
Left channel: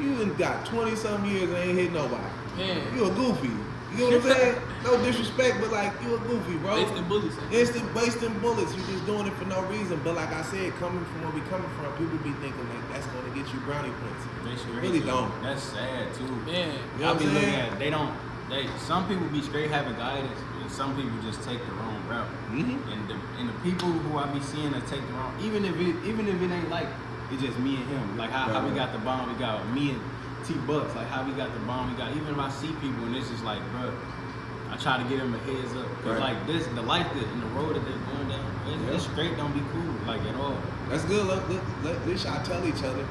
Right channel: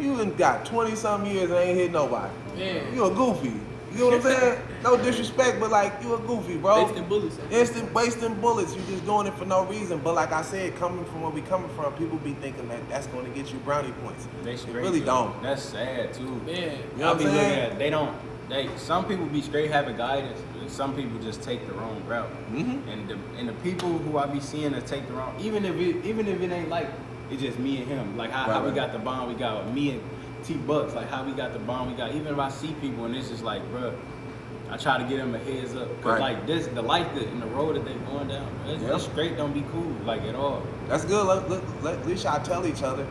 You done got 20-something years and ain't hit nobody. Yeah. You a goofy. You know what I'm saying? No disrespect, but like, you a goofy, bro. Wasting bullets. Instant wasting bullets. You just doing it for no reason. But like I said, coming from where we coming from, people be thinking that that's going to get you brownie points. They It straight really too. don't. That's sad too. Yeah. You know I what be I'm looking saying? at some people be straight having guidance, and some people just take the wrong route. Mm-hmm. And the people who I be seeing that take the wrong, even if it ain't like it's just me and him, like how we got the bond we got, me and T Bucks, like how we got the bond we got. Even if I see people and it's just like, bro, I try to get them a heads up, cause like this, the life that in the road that they going down, it's straight don't be cool, like at all. That's good. At least y'all tell each other,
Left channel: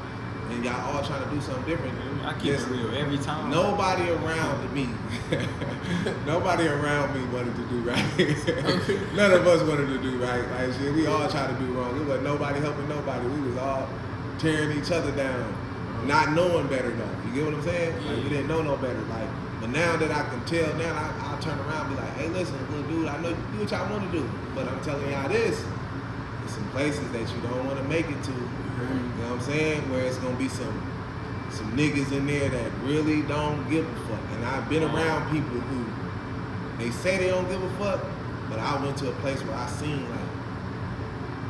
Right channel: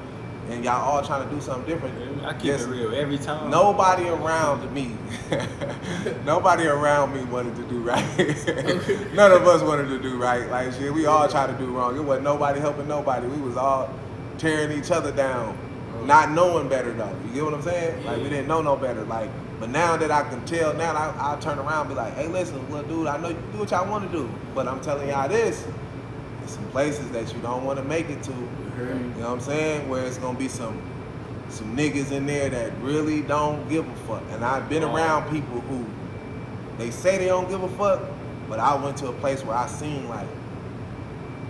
and y'all all trying to do something different. I keep it real every time. Nobody around me, nobody around me wanted to do right. None of us wanted to do right. Like shit, we all tried to do wrong. It wasn't nobody helping nobody. We was all tearing each other down, not knowing better though. You get what I'm saying? Like we didn't know no better. Like, but now that I can tell, now I'll turn around and be like, hey, listen, well, dude, I know you do what y'all want to do, but I'm telling y'all this. There's some places that you don't want to make it to. You know what I'm saying? Where it's gonna be some niggas in there that really don't give a fuck. And I've been around people who they say they don't give a fuck, but I went to a place where I seen like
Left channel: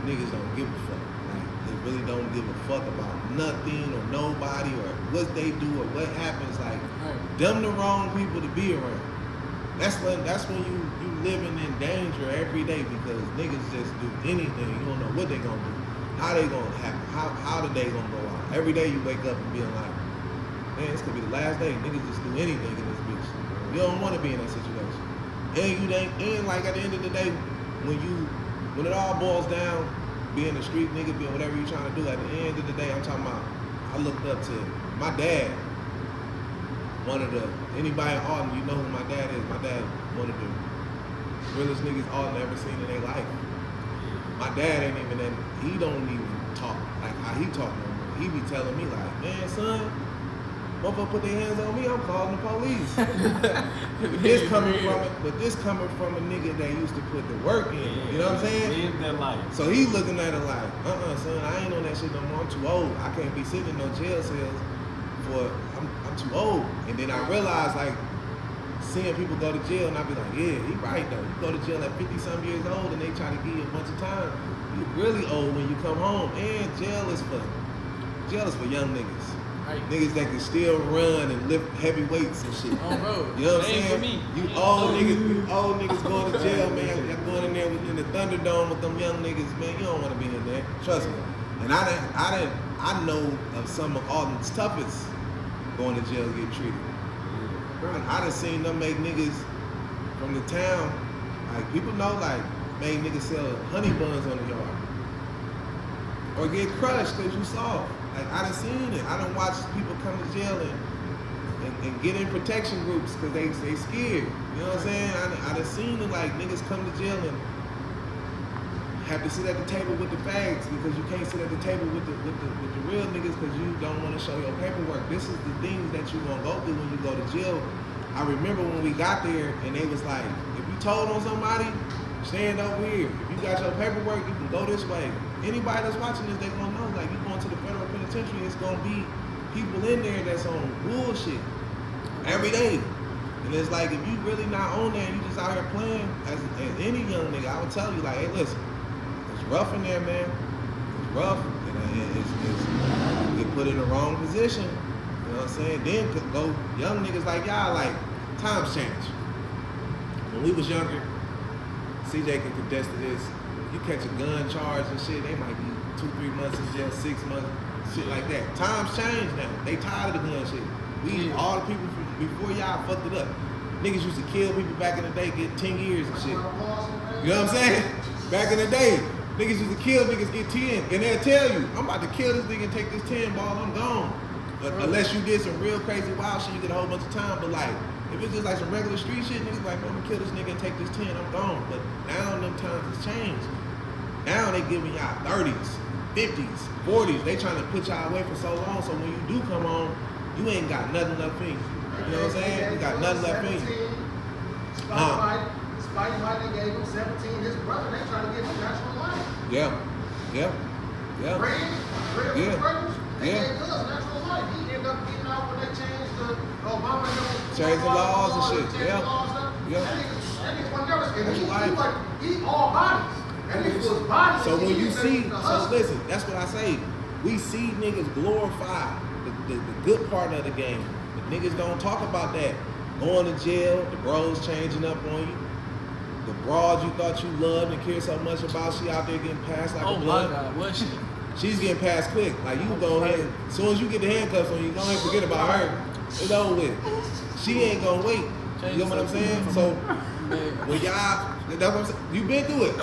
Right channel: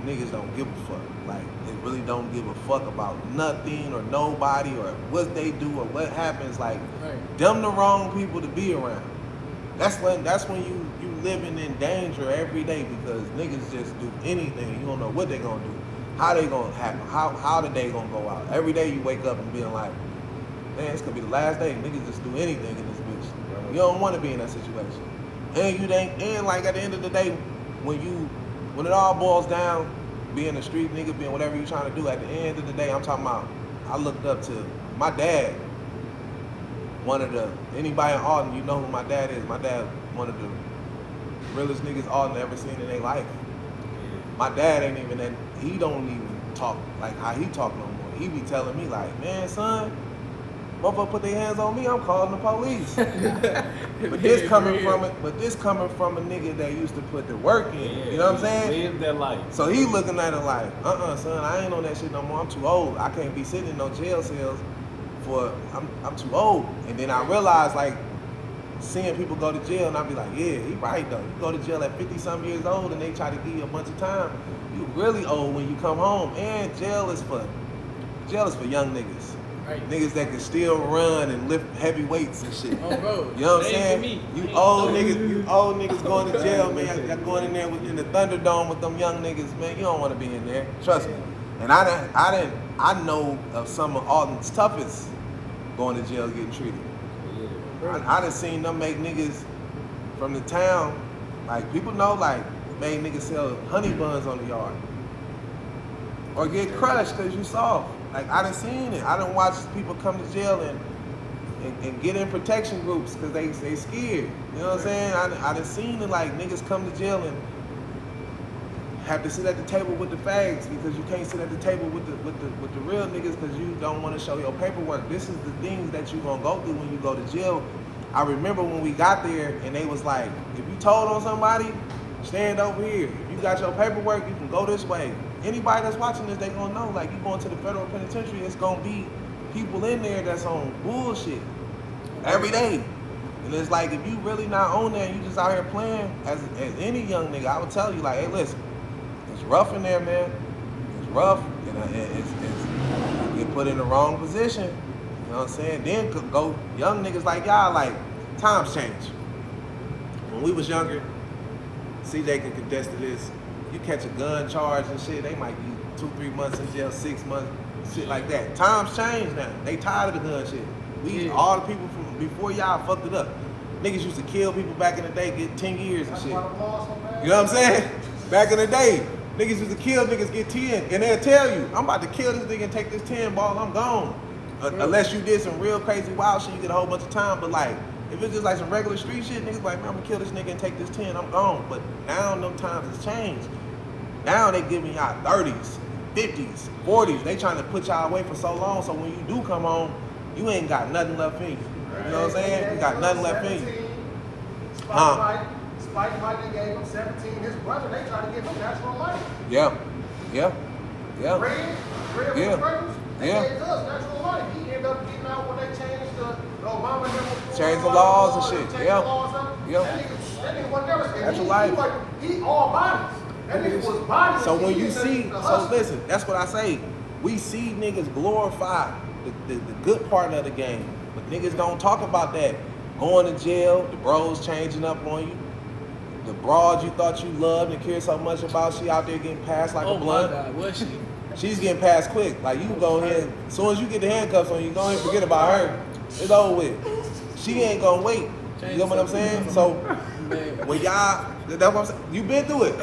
niggas don't give a fuck. Like they really don't give a fuck about nothing or nobody or what they do or what happens. Like them the wrong people to be around. That's when you living in danger every day because niggas just do anything. You don't know what they gonna do. How they gonna happen? How the day gonna go out? Every day you wake up and being like, man, this could be the last day. Niggas just do anything in this bitch. You don't want to be in that situation. And like at the end of the day, when it all boils down, being a street nigga, being whatever you're trying to do, at the end of the day, I'm talking about, I looked up to my dad. Anybody in Alton, you know who my dad is. My dad, one of the realest niggas Alton ever seen in their life. My dad ain't even that, he don't even talk like how he talk no more. He be telling me like, man, son, motherfucker put their hands on me, I'm calling the police. But this coming from a nigga that used to put the work in. You know what I'm saying? Live that life. So he looking at it like, son, I ain't on that shit no more. I'm too old. I can't be sitting in no jail cells I'm too old. And then I realized like seeing people go to jail and I be like, yeah, he right though. You go to jail at 50-something years old and they try to give you a bunch of time. You really old when you come home. And jail is for young niggas. Right. Niggas that can still run and lift heavy weights and shit. Oh, bro. You know what I'm saying? You old niggas going to jail, man. Y'all going in there in the Thunderdome with them young niggas, man. You don't want to be in there. Trust me. And I know of some of Alton's toughest going to jail getting treated. I done seen them make niggas from the town, like people know, like made niggas sell honey buns on the yard. Or get crushed because you soft. Like I done seen it. I done watched people come to jail and get in protection groups because they scared. You know what I'm saying? I done seen it, like niggas come to jail and have to sit at the table with the fags because you can't sit at the table with the real niggas because you don't want to show your paperwork. This is the things that you gonna go through when you go to jail. I remember when we got there and they was like, if you told on somebody, stand over here. If you got your paperwork, you can go this way. Anybody that's watching this, they gonna know, like you going to the federal penitentiary, it's gonna be people in there that's on bullshit every day. And it's like, if you really not on there, you just out here playing, as any young nigga, I would tell you, like, hey, listen, it's rough in there, man. It's rough, and you get put in the wrong position. You know what I'm saying? Then could go young niggas like y'all, like, times change. When we was younger, CJ can contest to this. You catch a gun charge and shit, they might be 2-3 months in jail, 6 months, shit like that. Times change now. They tired of the gun shit. All the people from before y'all fucked it up. Niggas used to kill people back in the day, get 10 years and shit. You know what I'm saying? Back in the day, niggas used to kill niggas, get 10, and they'll tell you, I'm about to kill this nigga and take this 10 ball, I'm gone. Unless you did some real crazy wild shit, you get a whole bunch of time. But like, if it's just like some regular street shit, niggas like, man, I'm gonna kill this nigga and take this 10, I'm gone. But now them times has changed. Now they giving y'all 30s, 50s, 40s. They trying to put y'all away for so long, so when you do come home, you ain't got nothing left in you. You know what I'm saying? You got nothing left in you. Spike Mike gave him 17. His brother, they trying to give him natural life. Yeah. Red, Yeah. brothers, they Yeah. gave us natural life. He ended up getting out when they changed the Obama Changed the laws and shit. Changed Yeah. the laws up. Yeah. That nigga was never. Natural life. He all bodies. That nigga was bodies. So when you see, so listen, that's what I say. We see niggas glorify the good part of the game. But niggas don't talk about that. Going to jail, the bros changing up on you. The broad you thought you loved and cared so much about, she out there getting passed like a blunt. Oh my God, was she? She's getting passed quick. Like you go ahead, as soon as you get the handcuffs on you, go ahead and forget about her. It's over with. She ain't gonna wait. You know what I'm saying? So when y'all, that's what I'm saying. You been through it.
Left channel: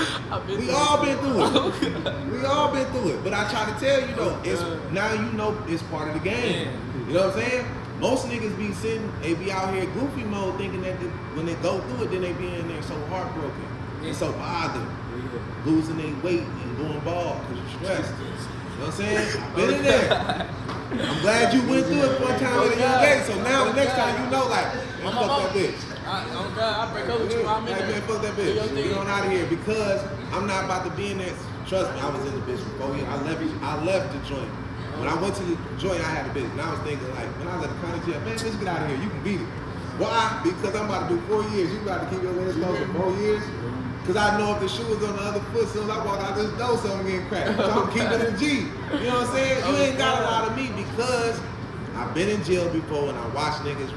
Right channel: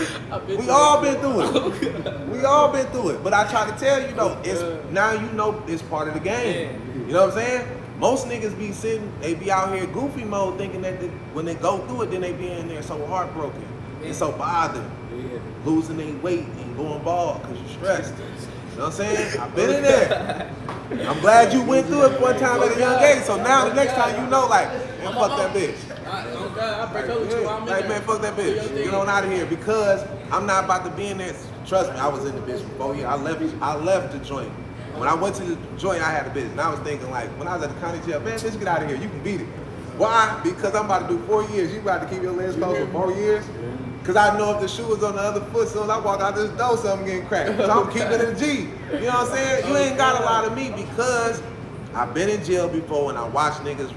We all been through it. We all been through it. But I try to tell you though, it's now you know it's part of the game. You know what I'm saying? Most niggas be sitting, they be out here goofy mode thinking that when they go through it, then they be in there so heartbroken and so bothered, losing their weight and going bald because you're stressed. You know what I'm saying? I've been in there. I'm glad you went through it one time at a young age, so now the next time you know, like, man, fuck that bitch. Oh God, I break up with you. I'm in Like, there. man, fuck that bitch. Get on out of here because I'm not about to be in there. Trust me, I was in the bitch for 4 years. I left the joint. When I went to the joint, I had a bitch, and I was thinking like, when I was at the county jail, man, bitch, get out of here. You can beat it. Why? Because I'm about to do 4 years. You about to keep your legs closed for 4 years? Because I know if the shoe was on the other foot, as soon as I walk out this door, something getting cracked. So I'm keeping it a G. You know what I'm saying? You ain't got a lot of me because I've been in jail before and I watch niggas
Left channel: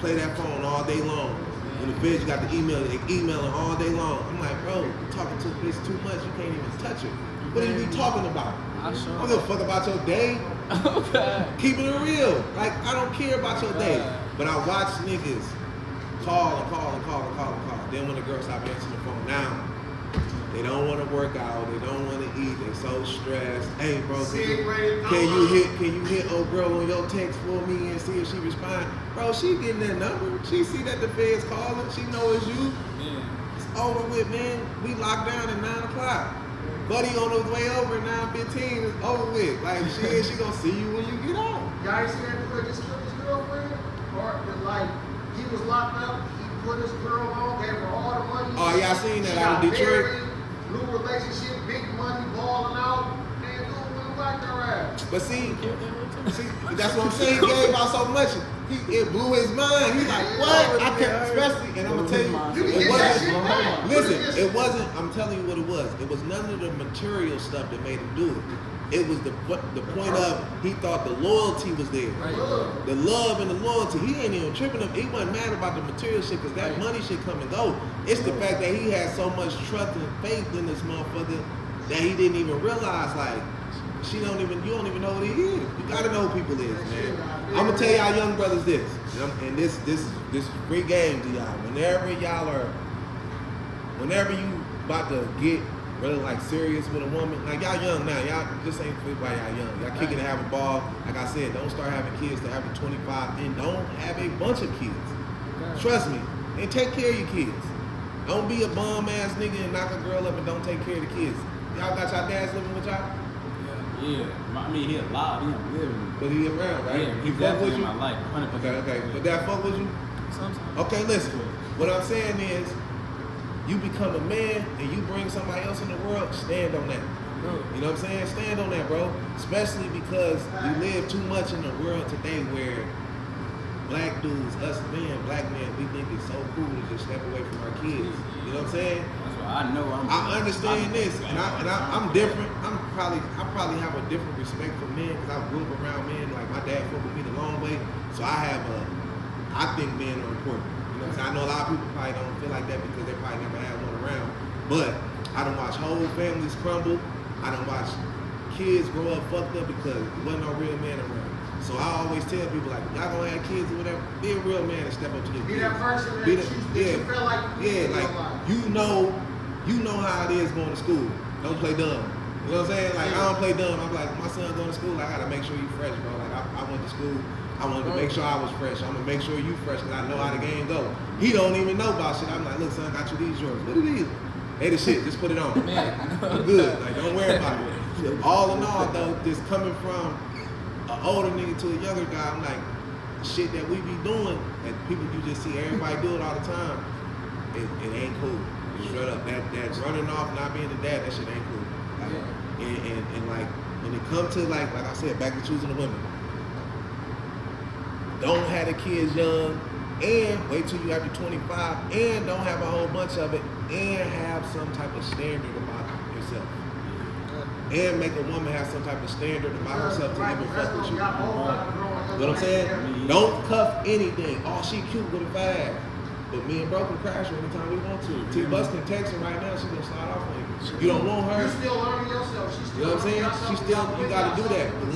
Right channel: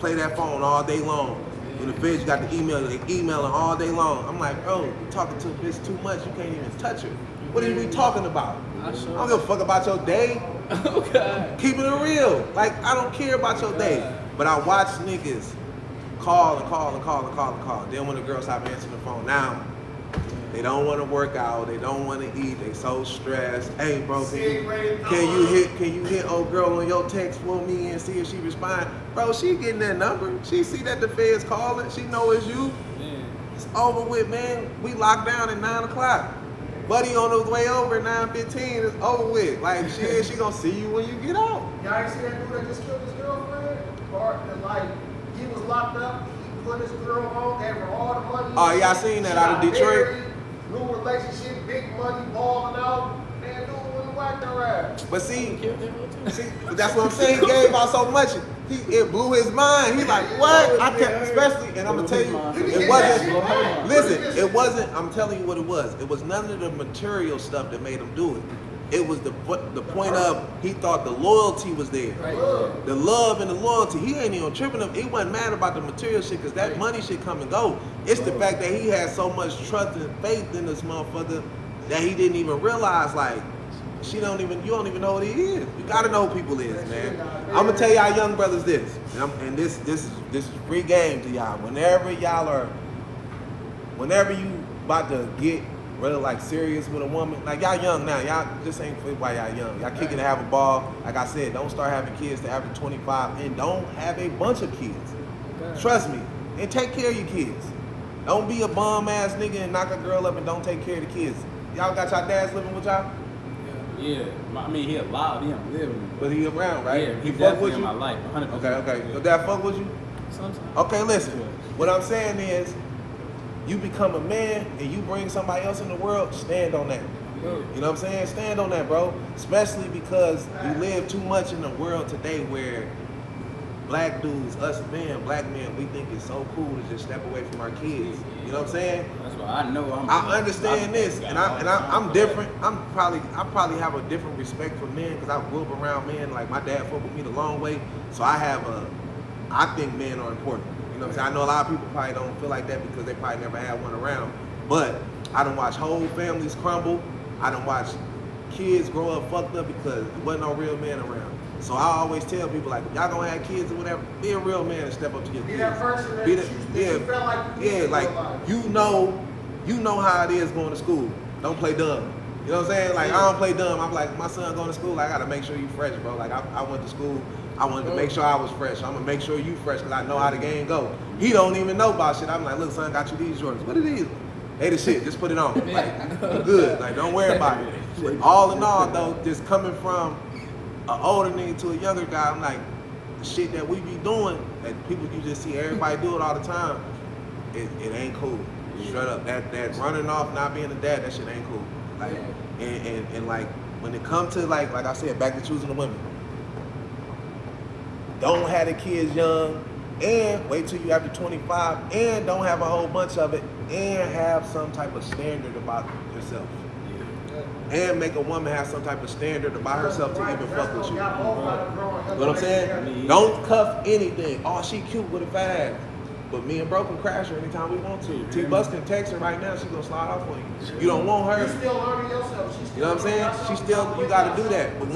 play that phone all day long. In the feds, you got the email, they emailing all day long. I'm like, bro, you talking to a bitch too much, you can't even touch her. What are we talking about? I sure. I don't give a fuck about your day. Okay. Keeping it real. Like, I don't care about your day. But I watch niggas call and call and call and call and call. Then when the girls stop answering the phone, now they don't want to work out. They don't want to eat. They so stressed. Hey, bro, can you hit old girl on your text for me and see if she respond? Bro, she getting that number. She see that the Fed's calling. She know it's you. It's over with, man. We locked down at 9 o'clock. Buddy on his way over at 9:15. It's over with. Like, she gonna see you when you get out. Y'all ain't see that dude that just killed his girlfriend? Or that, like, he was locked up, he put his girl on, gave her all the money. Oh, y'all seen that out of Detroit? New relationship, big money, balling out. Man, dude went whacked her ass. But see, that's what I'm saying. He gave out so much, it blew his mind. He's like, what? I kept, especially, and I'm gonna tell you, it wasn't. Listen, it wasn't. I'm telling you what it was. It was none of the material stuff that made him do it. It was the point of he thought the loyalty was there, the love and the loyalty. He ain't even tripping up. He wasn't mad about the material shit because that money shit come and go. It's the fact that he had so much trust and faith in this motherfucker that he didn't even realize, like, you don't even know what he is. You gotta know who people is, man. I'm gonna tell y'all young brothers this, and this is free game to y'all. Whenever you about to get really like serious with a woman, like y'all young now, y'all just ain't fit while y'all young. Y'all kicking to have a ball. Like I said, don't start having kids to after 25 and don't have a bunch of kids. Okay. Trust me, and take care of your kids. Don't be a bum ass nigga and knock a girl up and don't take care of the kids. Y'all got y'all dads living with y'all? Yeah, I mean, he alive, he don't live with me. But he around, right? Yeah, he he's fuck with definitely in you? my life, 100%. Okay. But that fuck with you? Sometimes. Okay, listen. What I'm saying is, you become a man and you bring somebody else in the world, stand on that. You know what I'm saying? Stand on that, bro. Especially because we live too much in the world today where black dudes, us men, black men, we think it's so cool to just step away from our kids. You know what I'm saying? That's why I know I understand this, and I'm different. I probably have a different respect for men because I grew up around men. Like my dad fought with me the long way, so I think men are important. You know what I'm saying? I know a lot of people probably don't feel like that because they probably never had one around. But I done watch whole families crumble. I done watch kids grow up fucked up because there wasn't no real man around. So I always tell people, like, y'all gonna have kids or whatever, be a real man and step up to your kids. Be that person that you felt like you like you know how it is going to school. Don't play dumb. You know what I'm saying? Like I don't play dumb. I'm like, my son going to school, I gotta make sure you fresh, bro. Like I went to school, I wanted to make sure I was fresh. I'm gonna make sure you fresh because I know how the game go. He don't even know about shit. I'm like, look, son, got you these Jordans. What are these? Hey, the shit, just put it on. Like, I'm good. Like, don't worry about it. All in all, though, just coming from an older nigga to a younger guy, I'm like, the shit that we be doing, that people you just see everybody do it all the time, it ain't cool. Straight up. That running off, not being a dad, that shit ain't cool. Like, and like, when it comes to like I said, back to choosing the women, don't have the kids young, and wait till you after 25, and don't have a whole bunch of it, and have some type of standard about yourself. And make a woman have some type of standard about herself to even fuck with you. You know what I'm saying? Don't cuff anything. Oh, she cute with a fag. But me and bro can crash her anytime we want to. T-Bus can text her right now, she gonna slide off on you. You don't want her. You're still learning yourself. You know what I'm saying? You gotta do that. But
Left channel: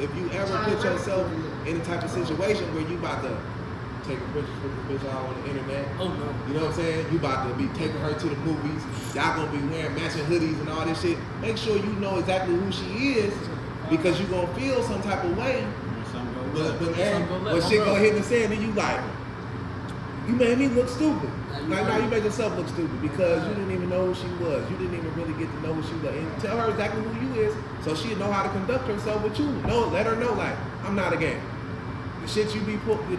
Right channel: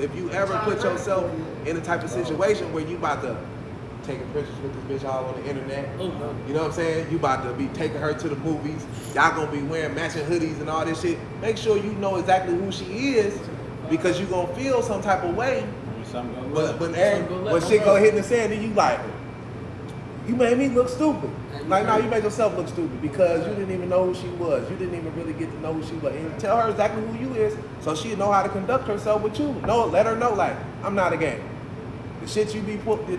if you ever put yourself in a type of situation where you about to taking pictures with this bitch all on the internet. Oh no. You know what I'm saying? You about to be taking her to the movies. Y'all gonna be wearing matching hoodies and all this shit. Make sure you know exactly who she is, because you gonna feel some type of way. When shit go hit the sand, then you like, you made me look stupid. Like, no, you made yourself look stupid because you didn't even know who she was. You didn't even really get to know who she was. And tell her exactly who you is, so she know how to conduct herself with you. No, let her know, like, I'm not a game. The shit that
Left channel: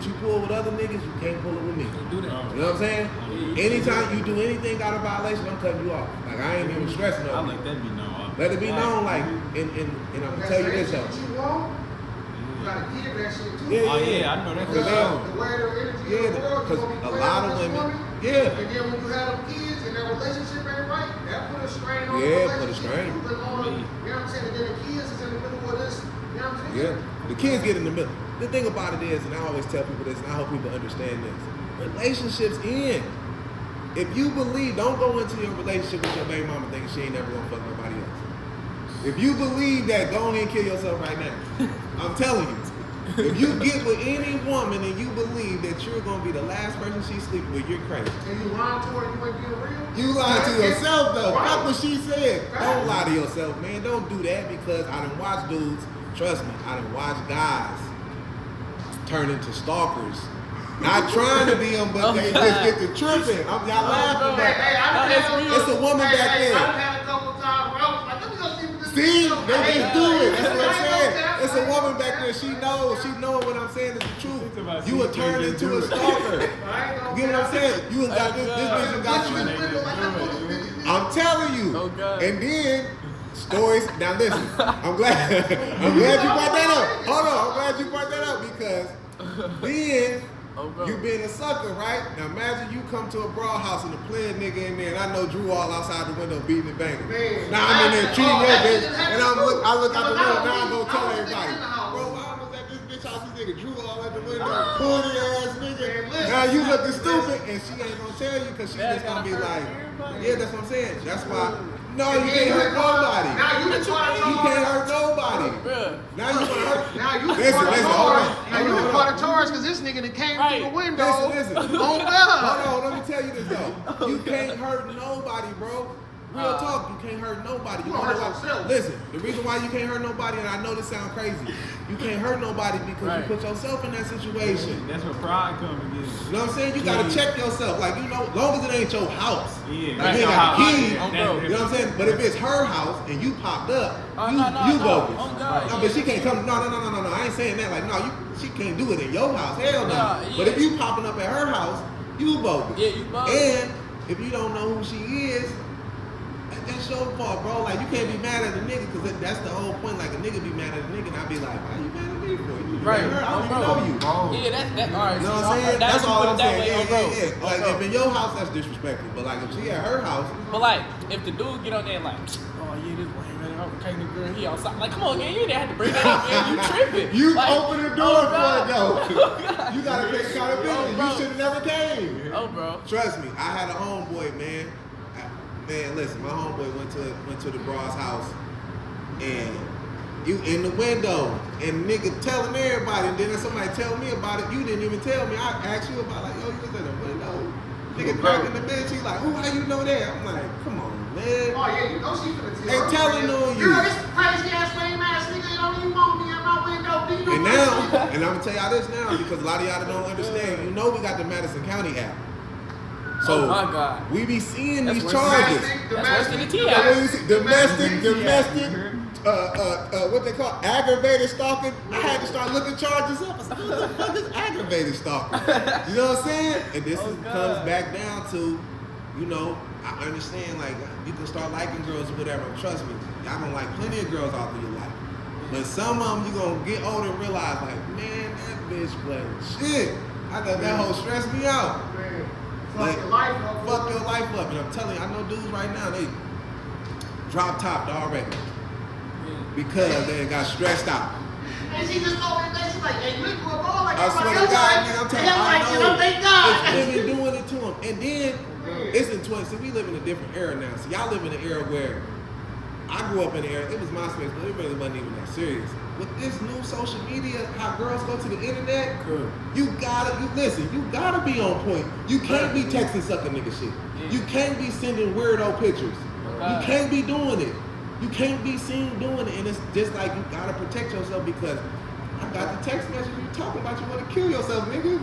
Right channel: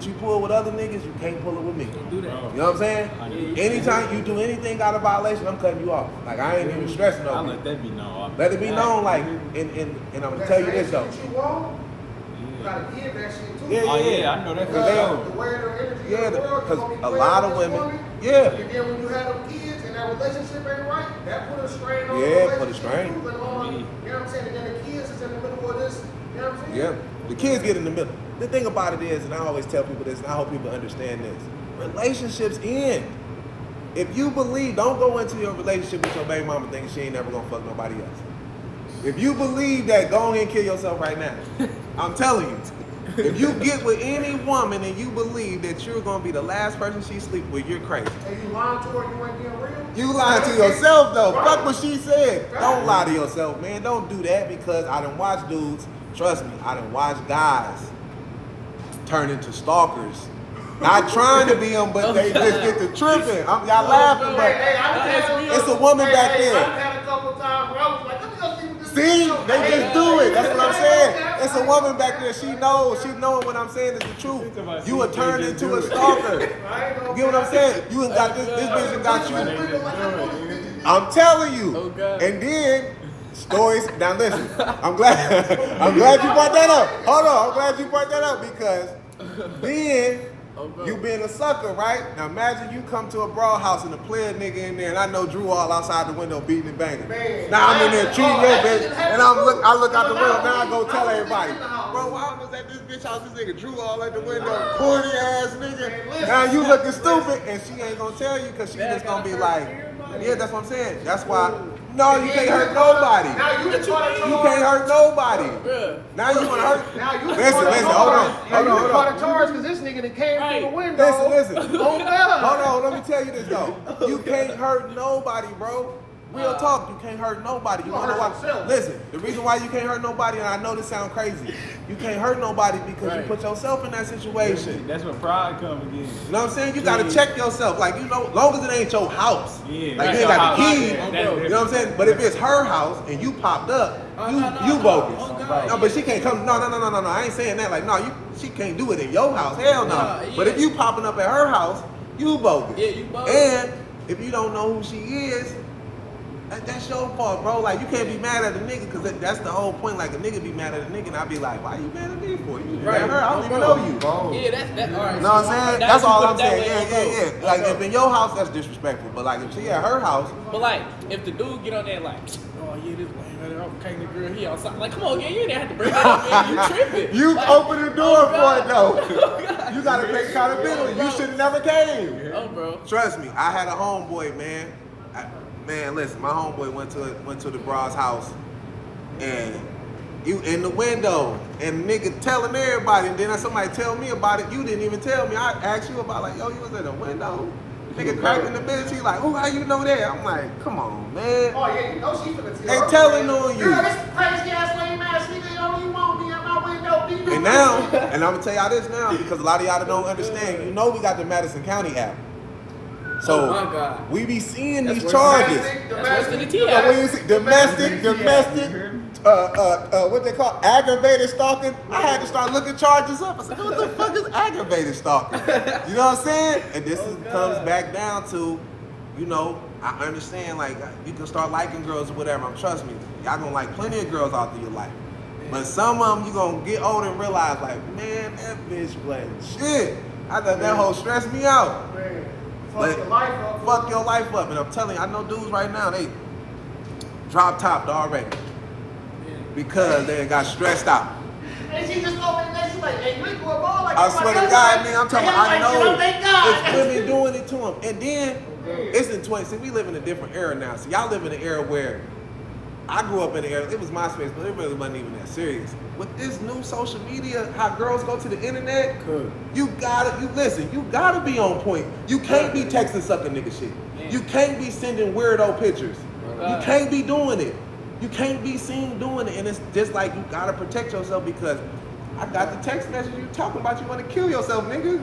you pull with other niggas, you can't pull it with me. Do that. You know what I'm saying? Anytime you do anything out of violation, I'm cutting you off. Like, I ain't even stressing I on you. let that be known. Let it be known, like, and I'm gonna tell you this though. You gotta give that shit too. Yeah, Oh yeah, I know that for sure. The way their energy Yeah, in the world, because you gonna be a playing lot with of this women, woman, yeah. And then when you have them kids and that relationship ain't right, that put a strain on Yeah, the put a relationship. strain. You know what I'm saying? And then the kids is in the middle of this. You know what I'm saying? Yeah, the kids get in the middle. The thing about it is, and I always tell people this, and I hope people understand this, relationships end. If you believe, don't go into your relationship with your baby mama thinking she ain't never gonna fuck nobody else. If you believe that, go ahead and kill yourself right now. I'm telling you. If you get with any woman and you believe that you're gonna be the last person she sleep with, you're crazy. And you lying to her, you ain't being real? You lying to yourself though. Right. Fuck what she said. Right. Don't lie to yourself, man. Don't do that because I done watched dudes, trust me, I done watched guys turn into stalkers. Not trying to be them, but they just get to tripping. Y'all laughing, but it's a woman back there. I've had a couple times where I was like, let me go see what this See, is. they just do it. That's what I'm saying. It's a woman back there. She knows. She knowing what I'm saying is the truth. You were turned into a stalker. You get what I'm saying? You done got this bitch done got you. I'm telling you. Oh, God. And then stories. Now listen. I'm glad you brought that up. Hold on. I'm glad you brought that up because then. You being a sucker, right? Now imagine you come to a brawl house and the player nigga in there, and I know Drew all outside the window beating and banging. Man, now I'm in there treating your bitch, and I look out the window. I Now I go tell was everybody, in the house. bro, I was at this bitch house. This nigga Drew all at the window, corny ass nigga. Man, listen, Now you looking stupid, and she ain't gonna tell you because she just gonna be like, yeah, that's what I'm saying. That's why. No, you can't hurt nobody. Now you You can't hurt nobody. Now you gonna hurt. Now you Listen, caught a listen, charge. hold Now on, you hold caught on. a charge because this nigga that came through the window. Listen. Oh God. Hold on, let me tell you this though. You can't hurt nobody, bro. Real talk, you can't hurt nobody. You You wanna know hurt why? yourself. Listen, the reason why you can't hurt nobody, and I know this sounds crazy, you can't hurt nobody because you put yourself in that situation. That's where pride comes again. You know what I'm saying? You gotta check yourself. Like, you know, long as it ain't your house. Yeah, Like, that's you ain't your got the house. key. Yeah, that's You know what I'm saying? But if it's her house and you popped up, you bogus. No, but she can't come. No. I ain't saying that. Like, no, she can't do it in your house. Hell no. But if you popping up at her house, you bogus. Yeah, you bogus. And if you don't know who she is, that's your fault, bro. Like, you can't be mad at a nigga because that's the whole point. Like, a nigga be mad at a nigga, and I be like, why you mad at me for? You mad at her? I don't even know you. Yeah, that's all right. You know what I'm saying? That's all I'm saying. Yeah. Like, if in your house, that's disrespectful. But like, if she at her house, But like, if the dude get on there like, oh yeah, this way, I'm the girl, he outside. Like, come on, yeah, you didn't have to bring that up, man. You tripping. you like, open the door for it though. God. You gotta take accountability. You should have never came. Oh, bro. Trust me, I had a homeboy, man. Man, listen, my homeboy went to the broad's house, and you in the window, and nigga telling everybody, and then somebody tell me about it. You didn't even tell me. I asked you about like, yo, you was in the window. Nigga cracking the bitch. He like, oh, how you know that? I'm like, come on, man. Oh yeah, you know she finna They tell. telling on you. Girl, this crazy ass lame ass nigga, you know you won't be at my window. Be And now, and I'm gonna tell y'all this now because a lot of y'all don't understand. You know we got the Madison County app. So Oh my God. we be seeing That's these worse charges. That's worse than the T-app. So when you see domestic, what they call aggravated stalking, I had to start looking charges up. I said, what the fuck is aggravated stalking? You know what I'm saying? And this comes back down to, you know, I understand like you can start liking girls or whatever. Trust me, y'all gonna like plenty of girls out there you like. But some of them you gonna get older and realize like, man, that bitch playing shit. I thought that whole stressed me out. Man, But fuck your life up. fuck your life up. And I'm telling you, I know dudes right now, they drop top already. Because they got stressed out. And she just over there, she's like, hey, you ain't going ball like I that. swear to God, man, I'm telling you, I know Thank God. it's women doing it to them. And then, it's in 20, see, we live in a different era now. See, y'all live in an era where I grew up in an era, it was MySpace, but it really wasn't even that serious. With this new social media, how girls go to the internet, you gotta be on point. You can't be texting sucking nigga shit. You can't be sending weirdo pictures. You can't be doing it. You can't be seen doing it. And it's just like you gotta protect yourself because I got the text message you talking about you want to kill yourself, nigga.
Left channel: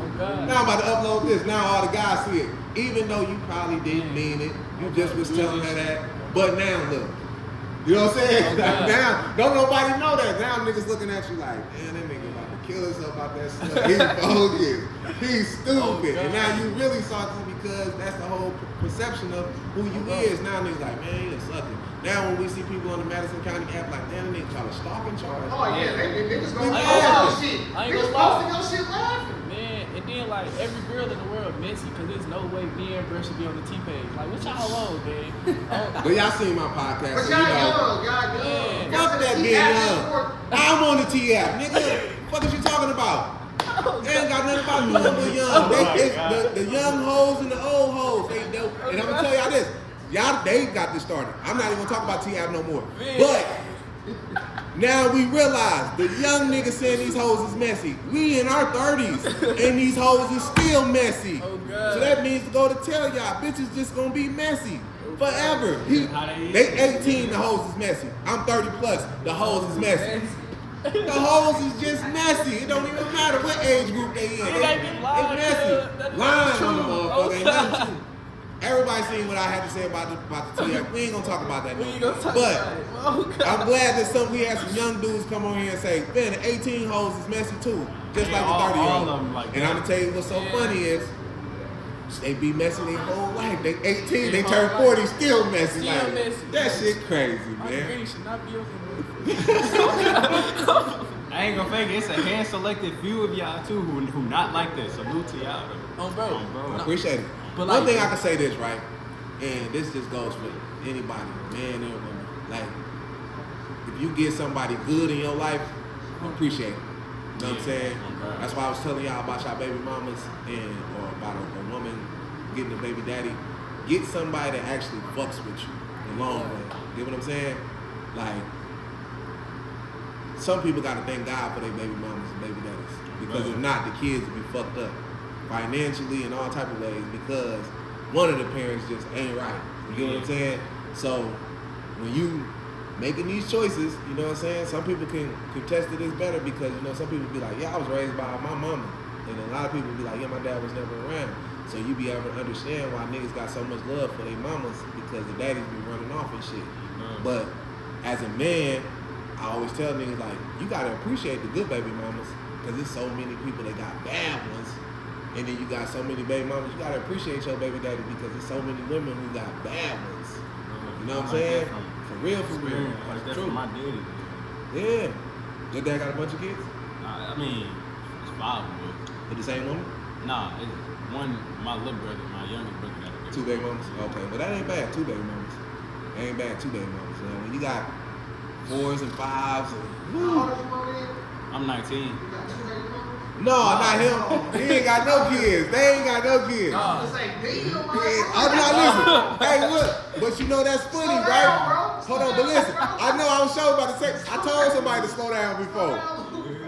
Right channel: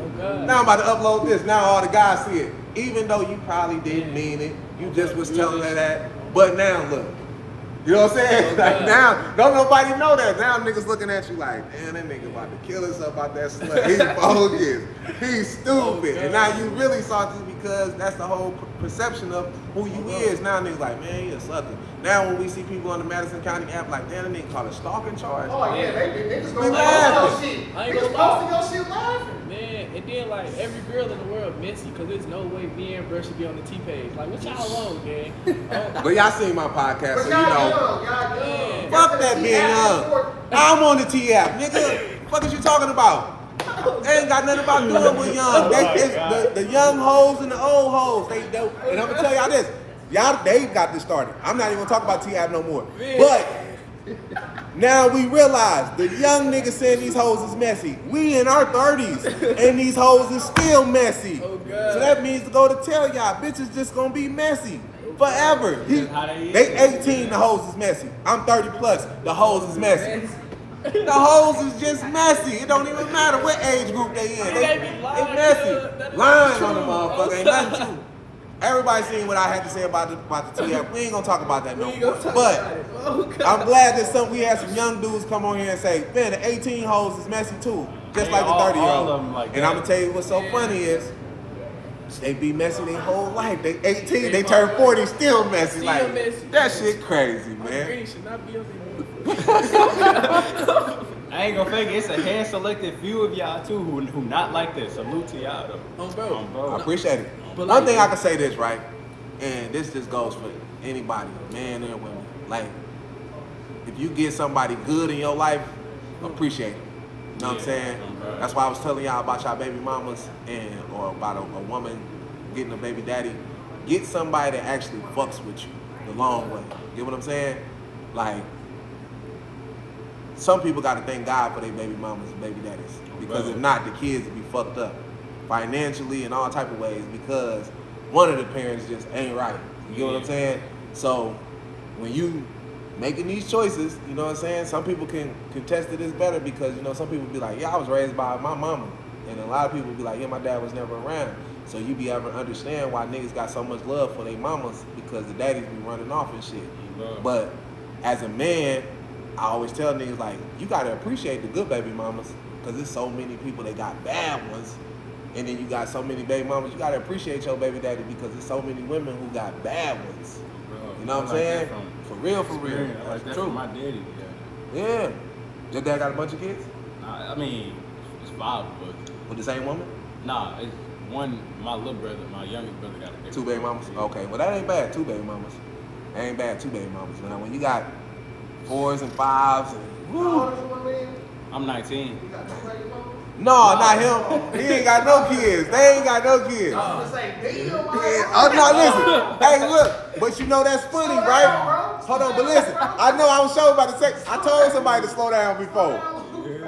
Now I'm about to upload this. Now all the guys see it. Even though you probably didn't mean it. You just was telling her that. But now look. You know what I'm saying? Like now, don't nobody know that. Now niggas looking at you like, damn, that nigga about to kill himself about that slut. He's bogus. He's stupid. And now you really salty because that's the whole perception of who you is. Now niggas like, man, he a sucker. Now when we see people on the Madison County app like, damn, that nigga called a stalking charge. Oh yeah, niggas We gonna laughing. post your shit. I ain't Niggas gonna lie. posting your shit laughing. Man, and then like every girl in the world messy because there's no way me and Bro should be on the T page. Like, what y'all wrong, man? But y'all seen my podcast, But so y'all you know. young, y'all young. Fuck that being young. I'm on the T app, nigga. What is you talking about? They ain't got nothing about doing with young. The young hoes and the old hoes. They do. And I'm gonna tell y'all this. Y'all, they got this started. I'm not even gonna talk about T app no more. But Now we realize the young niggas saying these hoes is messy. We in our 30s and these hoes is still messy. Oh, God. So that means to go to tell y'all, bitches just gonna be messy forever. How they is. They 18, the hoes is messy. I'm 30 plus, the hoes is messy. The hoes is just messy. It don't even matter what age group they in. They messy. Lying on the motherfucker. Ain't nothing true. Everybody seen what I had to say about the TF. We ain't gonna talk about that no more. But I'm glad that we had some young dudes come on here and say, man, the 18 hoes is messy too. Just like the 30 year all of old. them like And that. I'm gonna tell you what's so funny is they be messy their whole life. They 18, they turn 40, still messy. Still Like, messy. that shit crazy, My man. green should not be on I ain't gonna fake it. It's a hand selected few of y'all too who not like this. Salute to y'all though. bro. I appreciate it. But One like- thing I can say this, right? And this just goes for anybody, man and woman. Like, if you get somebody good in your life, appreciate it. You know what I'm saying? Okay. That's why I was telling y'all about y'all baby mamas or about a woman getting a baby daddy. Get somebody that actually fucks with you the long way. Get what I'm saying? Like, some people got to thank God for their baby mamas and baby daddies. Because if not, the kids would be fucked up financially and all type of ways because one of the parents just ain't right. You get what I'm saying? So when you making these choices, you know what I'm saying? Some people can contest to this better because, you know, some people be like, yeah, I was raised by my mama. And a lot of people be like, yeah, my dad was never around. So you be able to understand why niggas got so much love for their mamas because the daddies be running off and shit. But as a man, I always tell niggas like, you gotta appreciate the good baby mamas because there's so many people that got bad ones. And then you got so many baby mamas, you gotta appreciate your baby daddy because there's so many women who got bad ones. You know what I'm saying? For real, for real. I like that from my daddy. Yeah. Your dad got a bunch of kids? I mean, it's 5 of us. With the same woman? Nah, it's one. My little brother, my youngest brother, got a baby. 2 baby mamas? Yeah. Okay, well that ain't bad, 2 baby mamas. That ain't bad, 2 baby mamas. Now when you got 4s and 5s and How old is your man? I'm 19. You got 2 baby mamas? no, not him. He ain't got no kids. They ain't got no kids. I was gonna say, damn, Yeah. Oh no, listen. Hey, look, but you know that's funny, Slow right? down, bro. Hold on, but listen. I know I was sure about to say. I told somebody to slow down before.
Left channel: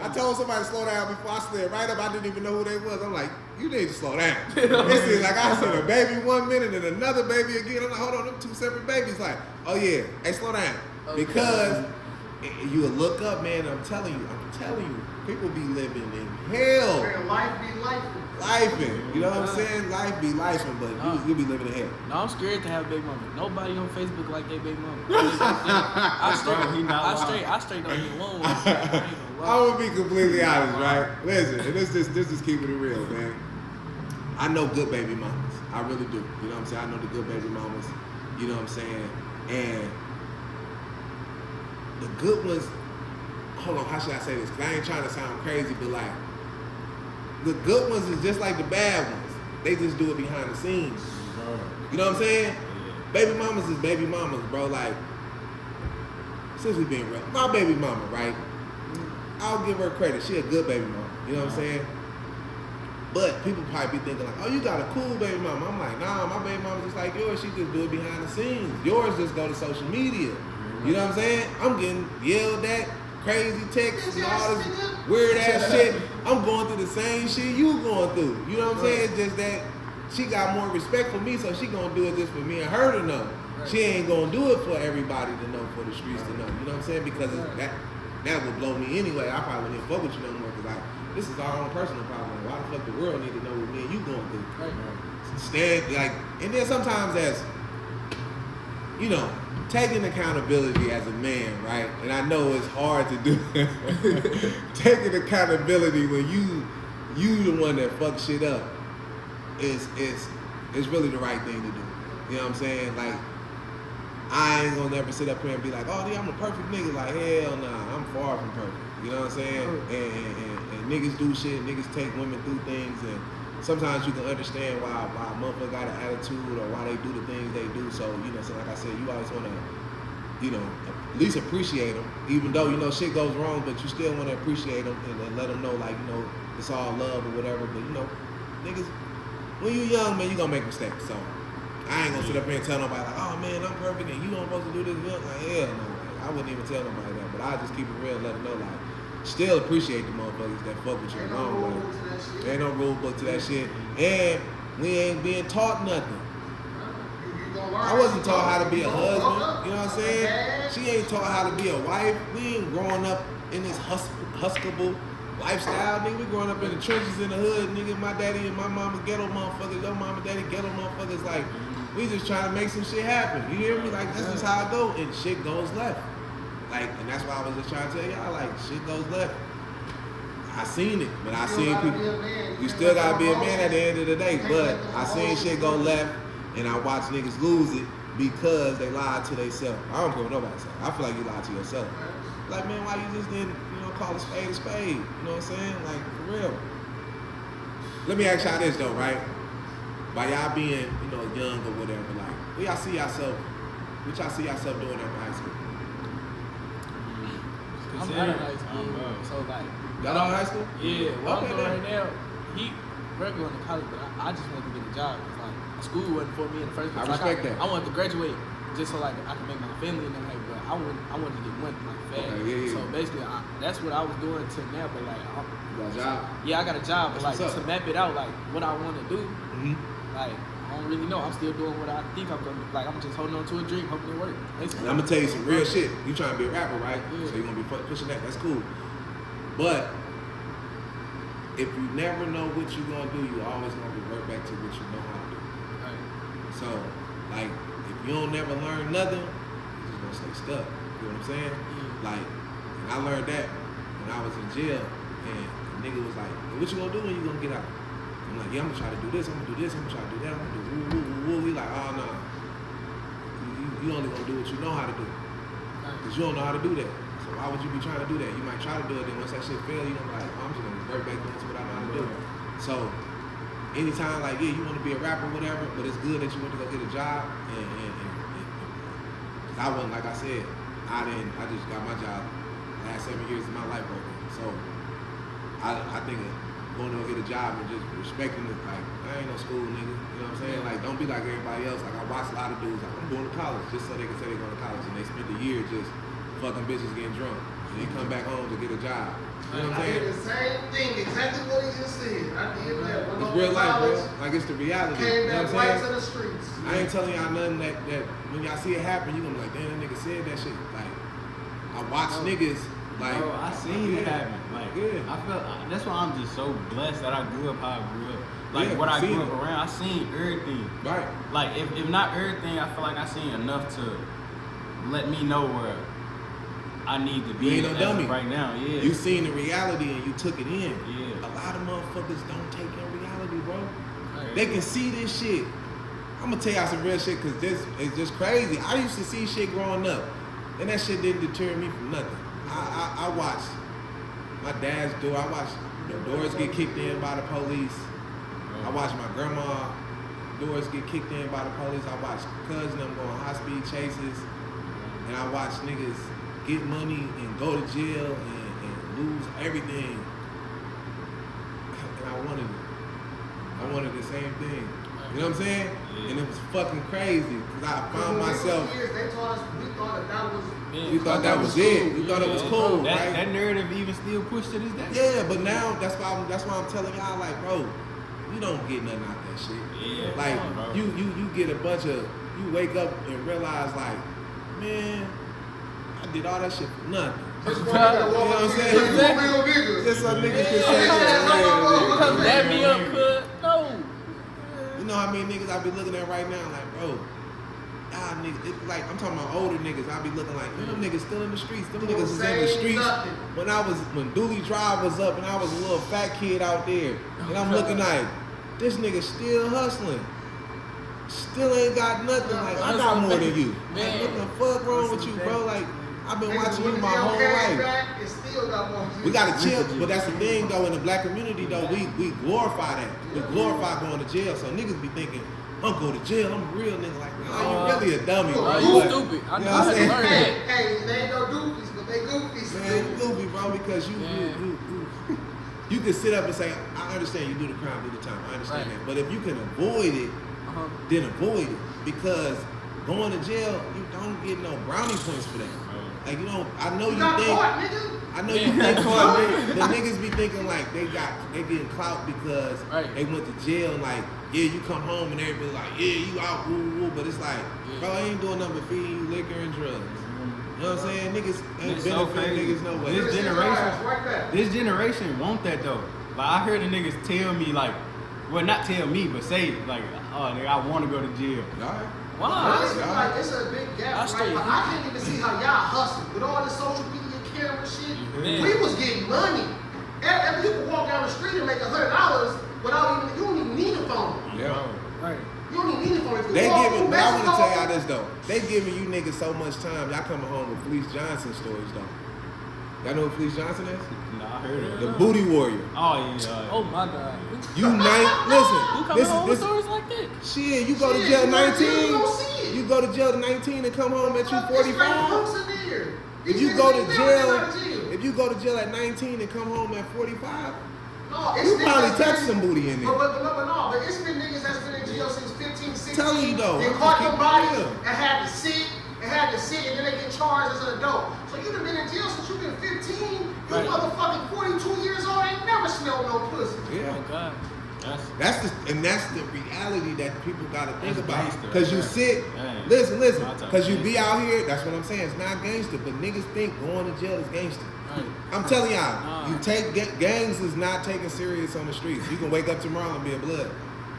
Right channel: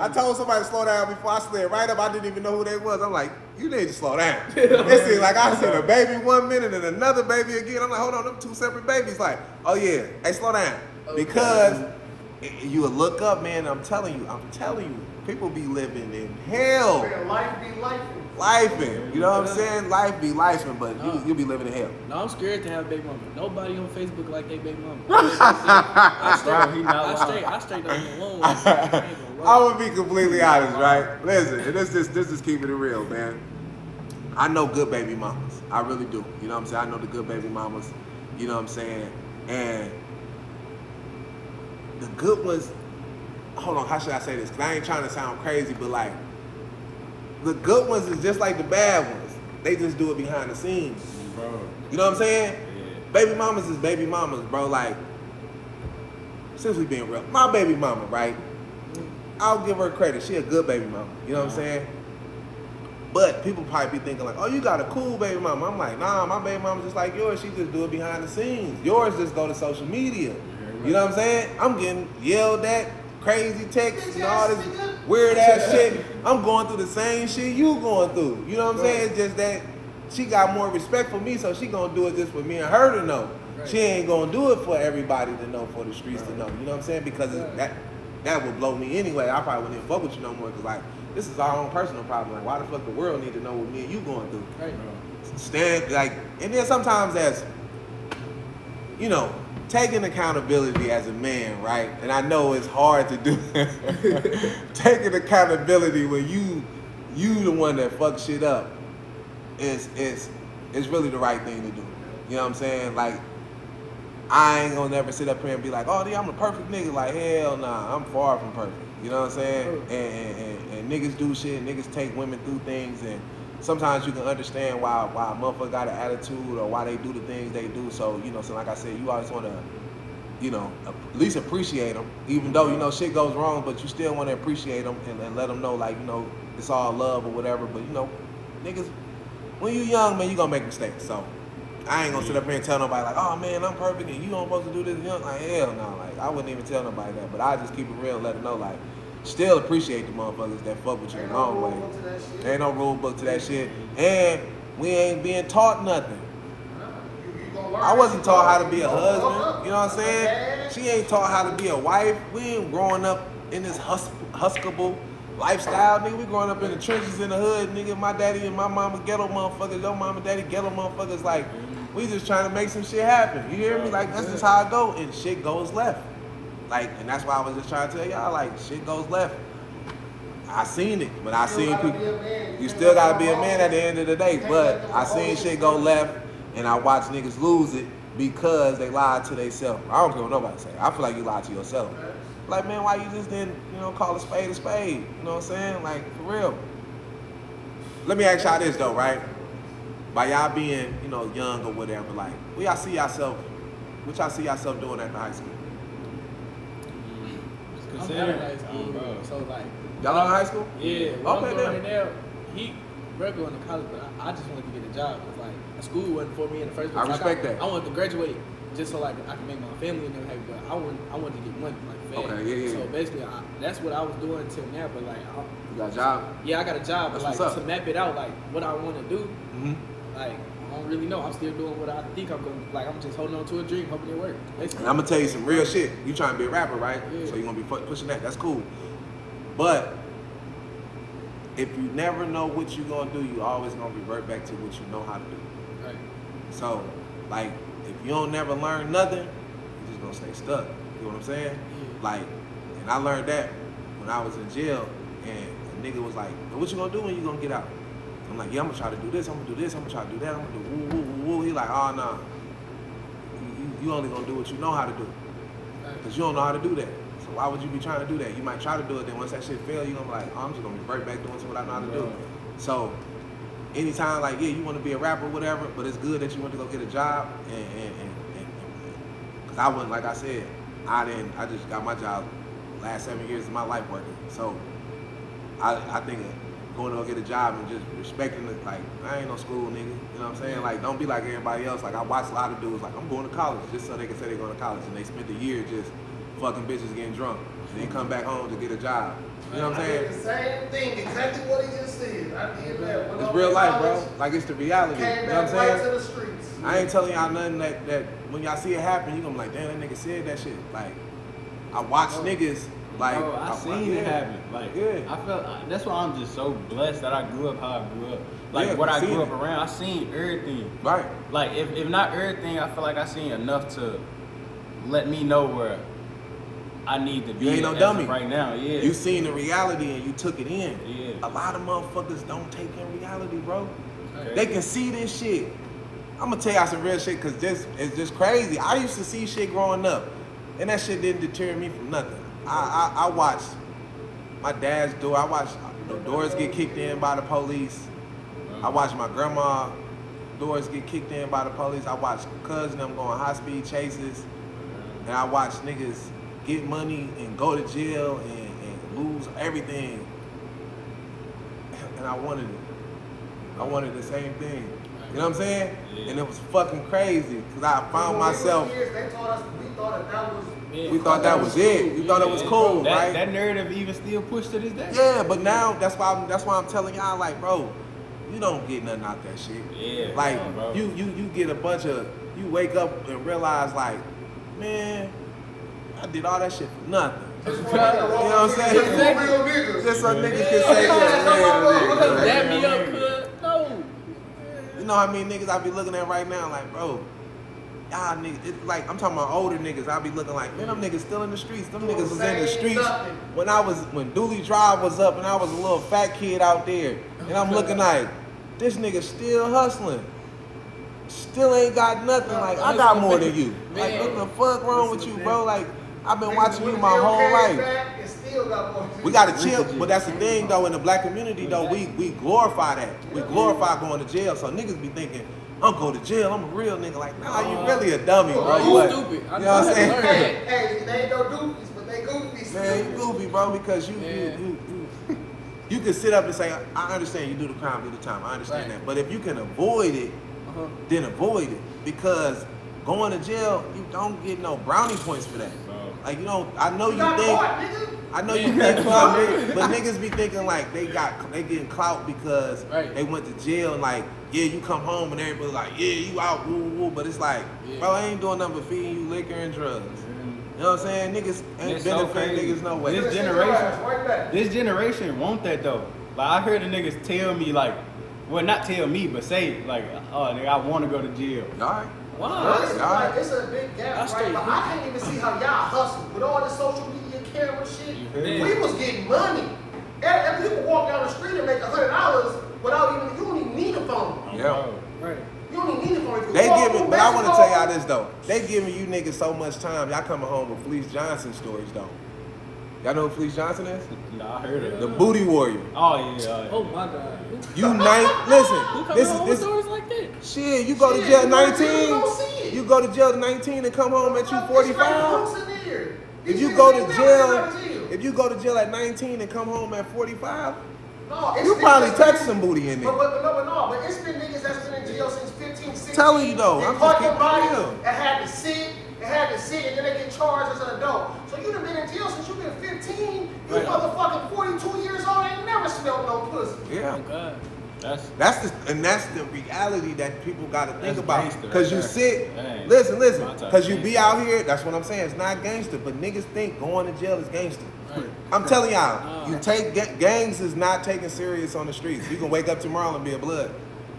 I told somebody to slow down before I slid right up. I didn't even know who they was. I'm like, you need to slow down. It seems like I seen a baby 1 minute and another baby again. I'm like, hold on, them 2 separate babies. Like, oh yeah, hey, slow down. Because you will look up, man. I'm telling you, people be living in hell. Man, life be life. Lifing, you know what I'm saying? Life be lifing, but you be living in hell. No, I'm scared to have a baby mama. Nobody on Facebook like they baby mama. I straight don't get along with it. I ain't gonna lie. I'm gonna be completely honest, right? Listen, and this is keeping it real, man. I know good baby mamas. I really do. You know what I'm saying? I know the good baby mamas. You know what I'm saying? And the good ones, hold on, how should I say this? Because I ain't trying to sound crazy, but like, the good ones is just like the bad ones. They just do it behind the scenes. Bro. You know what I'm saying? Yeah. Baby mamas is baby mamas, bro. Like, since we being real, my baby mama, right? I'll give her credit. She a good baby mama. You know what I'm saying? But people probably be thinking like, oh, you got a cool baby mama. I'm like, nah, my baby mama just like yours. She just do it behind the scenes. Yours just go to social media. You know what I'm saying? I'm getting yelled at, crazy texts and all this weird ass shit. I'm going through the same shit you going through. You know what I'm saying? It's just that she got more respect for me, so she gonna do it just for me and her to know. She ain't gonna do it for everybody to know, for the streets to know. You know what I'm saying? Because that would blow me anyway. I probably wouldn't even fuck with you no more because like, this is our own personal problem. Like, why the fuck the world need to know what me and you going through? Right. Stand like, and then sometimes as, you know, taking accountability as a man, right? And I know it's hard to do. Taking accountability when you the one that fucks shit up is really the right thing to do. You know what I'm saying? Like, I ain't gonna never sit up here and be like, oh, yeah, I'm a perfect nigga. Like, hell nah, I'm far from perfect. You know what I'm saying? And niggas do shit, niggas take women through things, and sometimes you can understand why a motherfucker got an attitude or why they do the things they do. So, you know, so like I said, you always want to, you know, at least appreciate them, even though, you know, shit goes wrong, but you still want to appreciate them and let them know, like, you know, it's all love or whatever. But, you know, niggas, when you young, man, you gonna make mistakes. So I ain't gonna sit up here and tell nobody like, oh man, I'm perfect and you don't supposed to do this. Like, hell no. Like, I wouldn't even tell nobody that, but I just keep it real and let them know, like, still appreciate the motherfuckers that fuck with you the long way. Ain't no rule book to that shit. And we ain't being taught nothing. I wasn't taught how to be a husband, you know what I'm saying? She ain't taught how to be a wife. We ain't growing up in this huskable lifestyle, nigga. We growing up in the trenches in the hood, nigga. My daddy and my mama ghetto motherfuckers, your mama and daddy ghetto motherfuckers. Like, we just trying to make some shit happen. You hear me? Like, that's just how I go, and shit goes left. Like, and that's why I was just trying to tell y'all, like, shit goes left. I seen it, but I seen people. You still gotta be a man at the end of the day. But I seen shit go left, and I watch niggas lose it because they lied to themselves. I don't care what nobody say. I feel like you lied to yourself. Like, man, why you just didn't, call a spade a spade? You know what I'm saying? Like, for real. Let me ask y'all this though, right? By y'all being, young or whatever, like, what y'all see yourself doing after high school? I'm out of high school, so like. Y'all out of high school? Yeah. Okay, then. We're going to college, but I just wanted to get a job because like school wasn't for me in the first place. I respect that. I wanted to graduate just so like I could make my family and everything, but I wanted to get money for my family. Okay, yeah. So basically, that's what I was doing until now. But like, You got a job? Yeah, I got a job, but That's like what's up. to map it out, like what I want to do, Mm-hmm. like I don't really know. I'm still doing what I think I'm going to. Like I'm just holding on to a dream, hoping it works. Basically. And I'm gonna tell you some real shit. You trying to be a rapper, right? Yeah. So you're gonna be pushing that. That's cool. But if you never know what you're gonna do, you always gonna revert back to what you know how to do. Right. So, like, if you don't never learn nothing, you're just gonna stay stuck. You know what I'm saying? Yeah. Like, and I learned that when I was in jail, and the nigga was like, "What you gonna do when you gonna get out?" I'm like, "Yeah, I'm gonna try to do this. I'm gonna do this. I'm gonna try to do that. I'm gonna do woo woo woo woo." He like, "Oh no, you only gonna do what you know how to do, cause you don't know how to do that. So why would you be trying to do that? You might try to do it, then once that shit fail, you gonna be like, oh, I'm just gonna revert back doing what I know how to do." So anytime, like, yeah, you want to be a rapper, whatever, but it's good that you went to go get a job, and cause I wasn't, like I said, I just got my job last 7 years of my life working. So I think of going to go get a job and just respecting it, like, I ain't no school nigga, you know what I'm saying? Like, don't be like everybody else. Like, I watch a lot of dudes, like, I'm going to college just so they can say they're going to college, and they spent the year just fucking bitches getting drunk, and then come back home to get a job. You know what I'm saying? I did the same thing, exactly what he just said. I did that. It's real life, bro. Like, it's the reality. Came You know what back I'm right to saying? the streets. I ain't telling y'all nothing that when y'all see it happen, you gonna be like, damn, that nigga said that shit. Like, I watch niggas, like, Bro, I seen it happen. Like, yeah. I felt that's why I'm just so blessed that I grew up how I grew up. Like, Yeah, what I seen grew it. up around, I seen everything. Right. Like, if not everything, I feel like I seen enough to let me know where I need to be You ain't no as dummy. of right now. Yeah. You seen the reality and you took it in. Yeah. A lot of motherfuckers don't take in reality, bro. Okay. They can see this shit. I'm gonna tell y'all some real shit, cause this is just crazy. I used to see shit growing up, and that shit didn't deter me from nothing. I watched my dad's door. I watched doors get kicked in by the police. I watched my grandma doors get kicked in by the police. I watched cousin them going high speed chases, and I watched niggas get money and go to jail and lose everything. And I wanted it. I wanted the same thing. You know what I'm saying? Yeah. And it was fucking crazy because I found myself. Kids, they taught us, we thought that was. We thought that was it. We thought it was cool, right? That narrative even still pushed to this day. Yeah, but now that's why I'm telling y'all, like, bro, you don't get nothing out that shit. Yeah, Like, bro. you get a bunch of, you wake up and realize, like, man, I did all that shit for nothing. That's why I gotta walk You know what I'm up saying? and say, "You real niggas." Just so niggas can say that. Dab me up, cuz. No. You know how many niggas I be looking at right now, like, bro, y'all niggas, it's like, I'm talking about older niggas, I be looking like, man, them niggas still in the streets. Them niggas was in the streets when Dooley Drive was up and I was a little fat kid out there. And I'm looking like, this nigga still hustling. Still ain't got nothing. Like, I got more than you. Like, what the fuck wrong with you, bro? Like, I've been watching you my whole life. We gotta chill, but that's the thing though. In the black community though, we glorify that. We glorify going to jail. So niggas be thinking, I'm going to jail. I'm a real nigga. Like, nah, you really a dummy, bro. You But, stupid. You know what I'm saying? Hey, they ain't no doofies, but they goofies. Man, you goofy, bro, because you can sit up and say, I understand you do the crime, do the time. I understand that. But if you can avoid it, then avoid it. Because going to jail, you don't get no brownie points for that. Like, you know, I know you got think. caught, nigga. I know you think clout, but niggas be thinking like they getting clout because they went to jail and like, yeah, you come home and everybody like, yeah, you out, woo, woo, but it's like, bro, I ain't doing nothing but feeding you liquor and drugs. You know what I'm saying? Niggas ain't benefiting niggas no way. This generation want that though. Like I heard the niggas tell me like, well not tell me, but say like, oh nigga, I want to go to jail. All right. Wow. It's a big gap, right? But I can't even see how y'all hustle with all this social media camera shit. We was getting money. Every you can walk down the street and make $100 without even, you don't even need a phone. Yeah. Right. You don't even need a phone. They giving, but I want to tell y'all this though. They giving you niggas so much time. Y'all coming home with Felice Johnson stories though. Y'all know who Felice Johnson is? Nah, I heard of it. The Booty Warrior. Oh yeah. Oh my God. You listen. This stories like that? shit. You go to jail at 19. You go to jail at 19 and come home at you 45. If you go to jail at 19 and come home at 45, you probably touched some booty in there. But it's been niggas that's been in jail since 15, 16. Telling you though, they I'm caught just them bodies keeping and had to sit, and then they get charged as an adult. So you done been in jail since you've been 15. You motherfucking 42 years old ain't never smelled no pussy. Yeah. Oh God. That's the reality that people gotta think about. Gangster Cause right you sit, Dang. listen, My type cause you of be gangster. out here, that's what I'm saying. It's not gangster, but niggas think going to jail is gangster. Right. I'm telling y'all, Nah. you take gangs is not taken serious on the streets. You can wake up tomorrow and be a blood.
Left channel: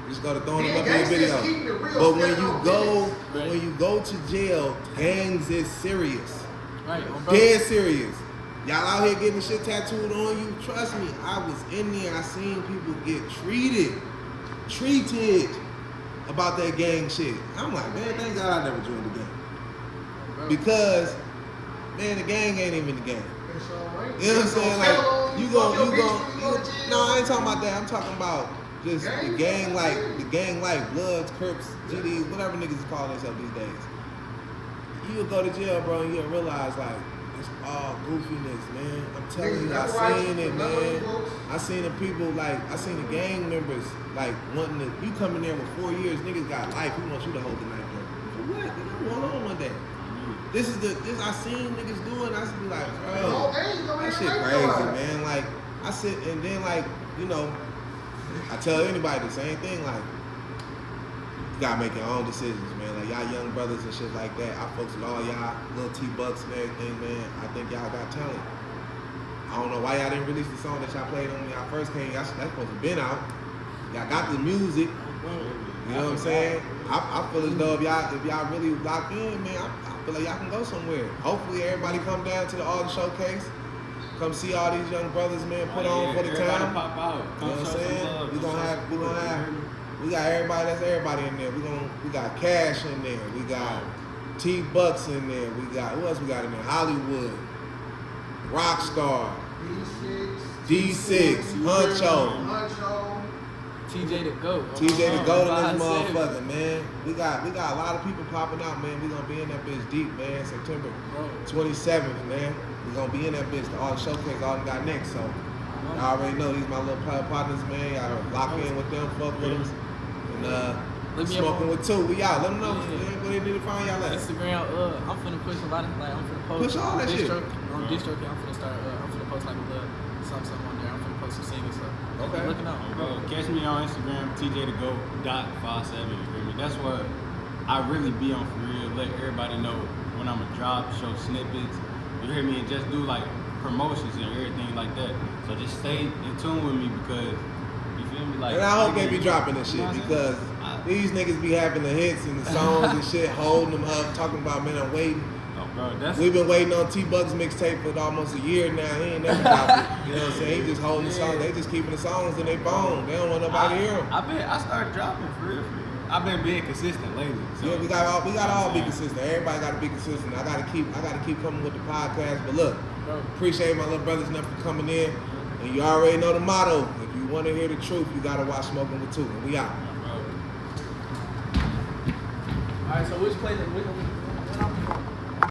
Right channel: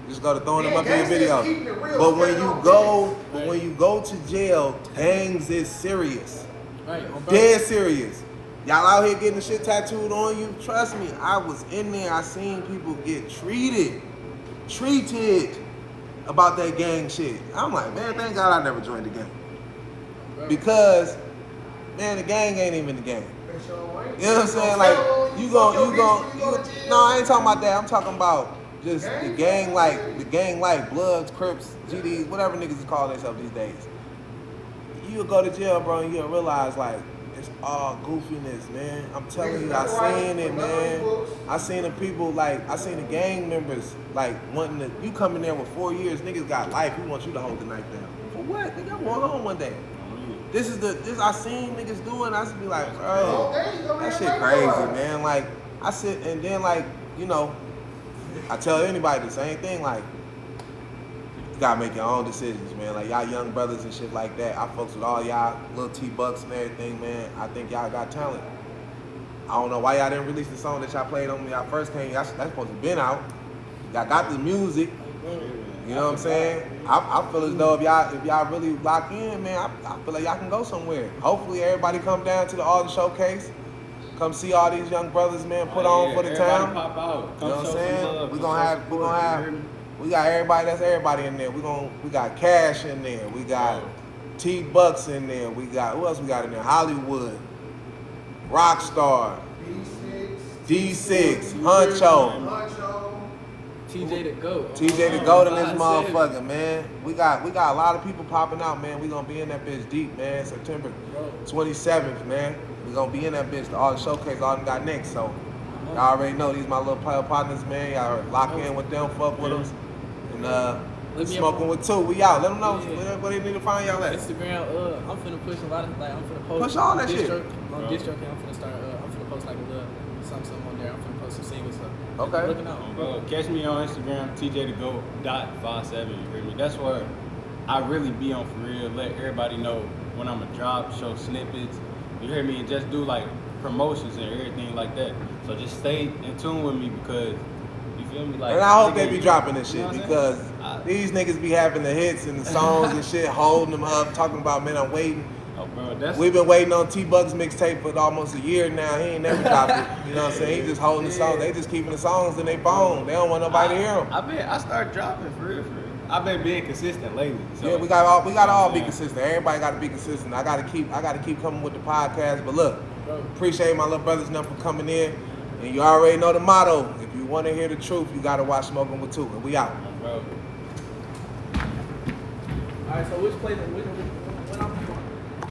You just gotta throw them up in your gangsters video. keeping it real, But when stepping you on go, business. when you go to jail, gangs is serious. Right. Dead serious. Y'all out here getting shit tattooed on you. Trust me, I was in there. I seen people get treated about that gang shit. I'm like, man, thank God I never joined the gang. Because, man, the gang ain't even the gang. You know what I'm saying? Like, you gon' no, I ain't talking about that. I'm talking about just the gang like Bloods, Crips, GDs, whatever niggas is calling themselves these days. You'll go to jail, bro, and you'll realize, like, it's all goofiness, man. I'm telling you, I seen it, man. I seen the people, like, I seen the gang members, like, wanting to, you come in there with 4 years, niggas got life, we want you to hold the knife down. For what? Nigga, I'm going home one day. This I seen niggas do it, and I just be like, bro, that shit crazy, man. Like, I sit, and then, like, you know, I tell anybody the same thing, like, you gotta make your own decisions, man. Like, y'all young brothers and shit like that. I fucks with all y'all, little T-Bucks and everything, man. I think y'all got talent. I don't know why y'all didn't release the song that y'all played on when y'all first came. That's supposed to have been out. Y'all got the music. You know what I'm saying? I feel as though if y'all really lock in, man, I feel like y'all can go somewhere. Hopefully everybody come down to the Alden Showcase. Come see all these young brothers, man, put on for the town. Pop out. Come you know what I'm show saying? some love. We got everybody, that's everybody in there. We got Cash in there. We got T-Bucks in there. We got, who else we got in there? Hollywood, Rockstar, D6, Huncho. TJ the GOAT. TJ the GOAT in this motherfucker, man. We got a lot of people popping out, man. We gonna be in that bitch deep, man. September 27th, man. We gonna be in that bitch. The Alden Showcase, all got next. So y'all already know these my little partners, man. Y'all lock in with them, fuck with us. And Smokinwit2, we out. Let them know where they need to find y'all at. Instagram, I'm finna push a lot of, like, I'm finna post. Push all that shit. On DistroKid, I'm finna start, I'm finna post like a little something on there. I'm finna post some singles stuff. Okay. Looking out. Catch me on Instagram, TJTheGoat.57. You hear me? That's where I really be on for real. Let everybody know when I'm a drop, show snippets. You hear me? And just do like promotions and everything like that. So just stay in tune with me because you feel me? Like, and I hope they be dropping this shit you know because these niggas be having the hits and the songs and shit, holding them up, talking about, man, I'm waiting. Oh, bro, We've been waiting on T-Bucks mixtape for almost a year now. He ain't never dropped it. You know what I'm saying? He just holding the songs. They just keeping the songs in their phone. They don't want nobody to hear them. I started dropping for real. I've been being consistent lately. So. Yeah, we got all be consistent. Everybody got to be consistent. I got to keep coming with the podcast. But look, appreciate my little brothers enough for coming in. And you already know the motto. If you want to hear the truth, you got to watch Smokinwit2. And we out. Bro. All right, so which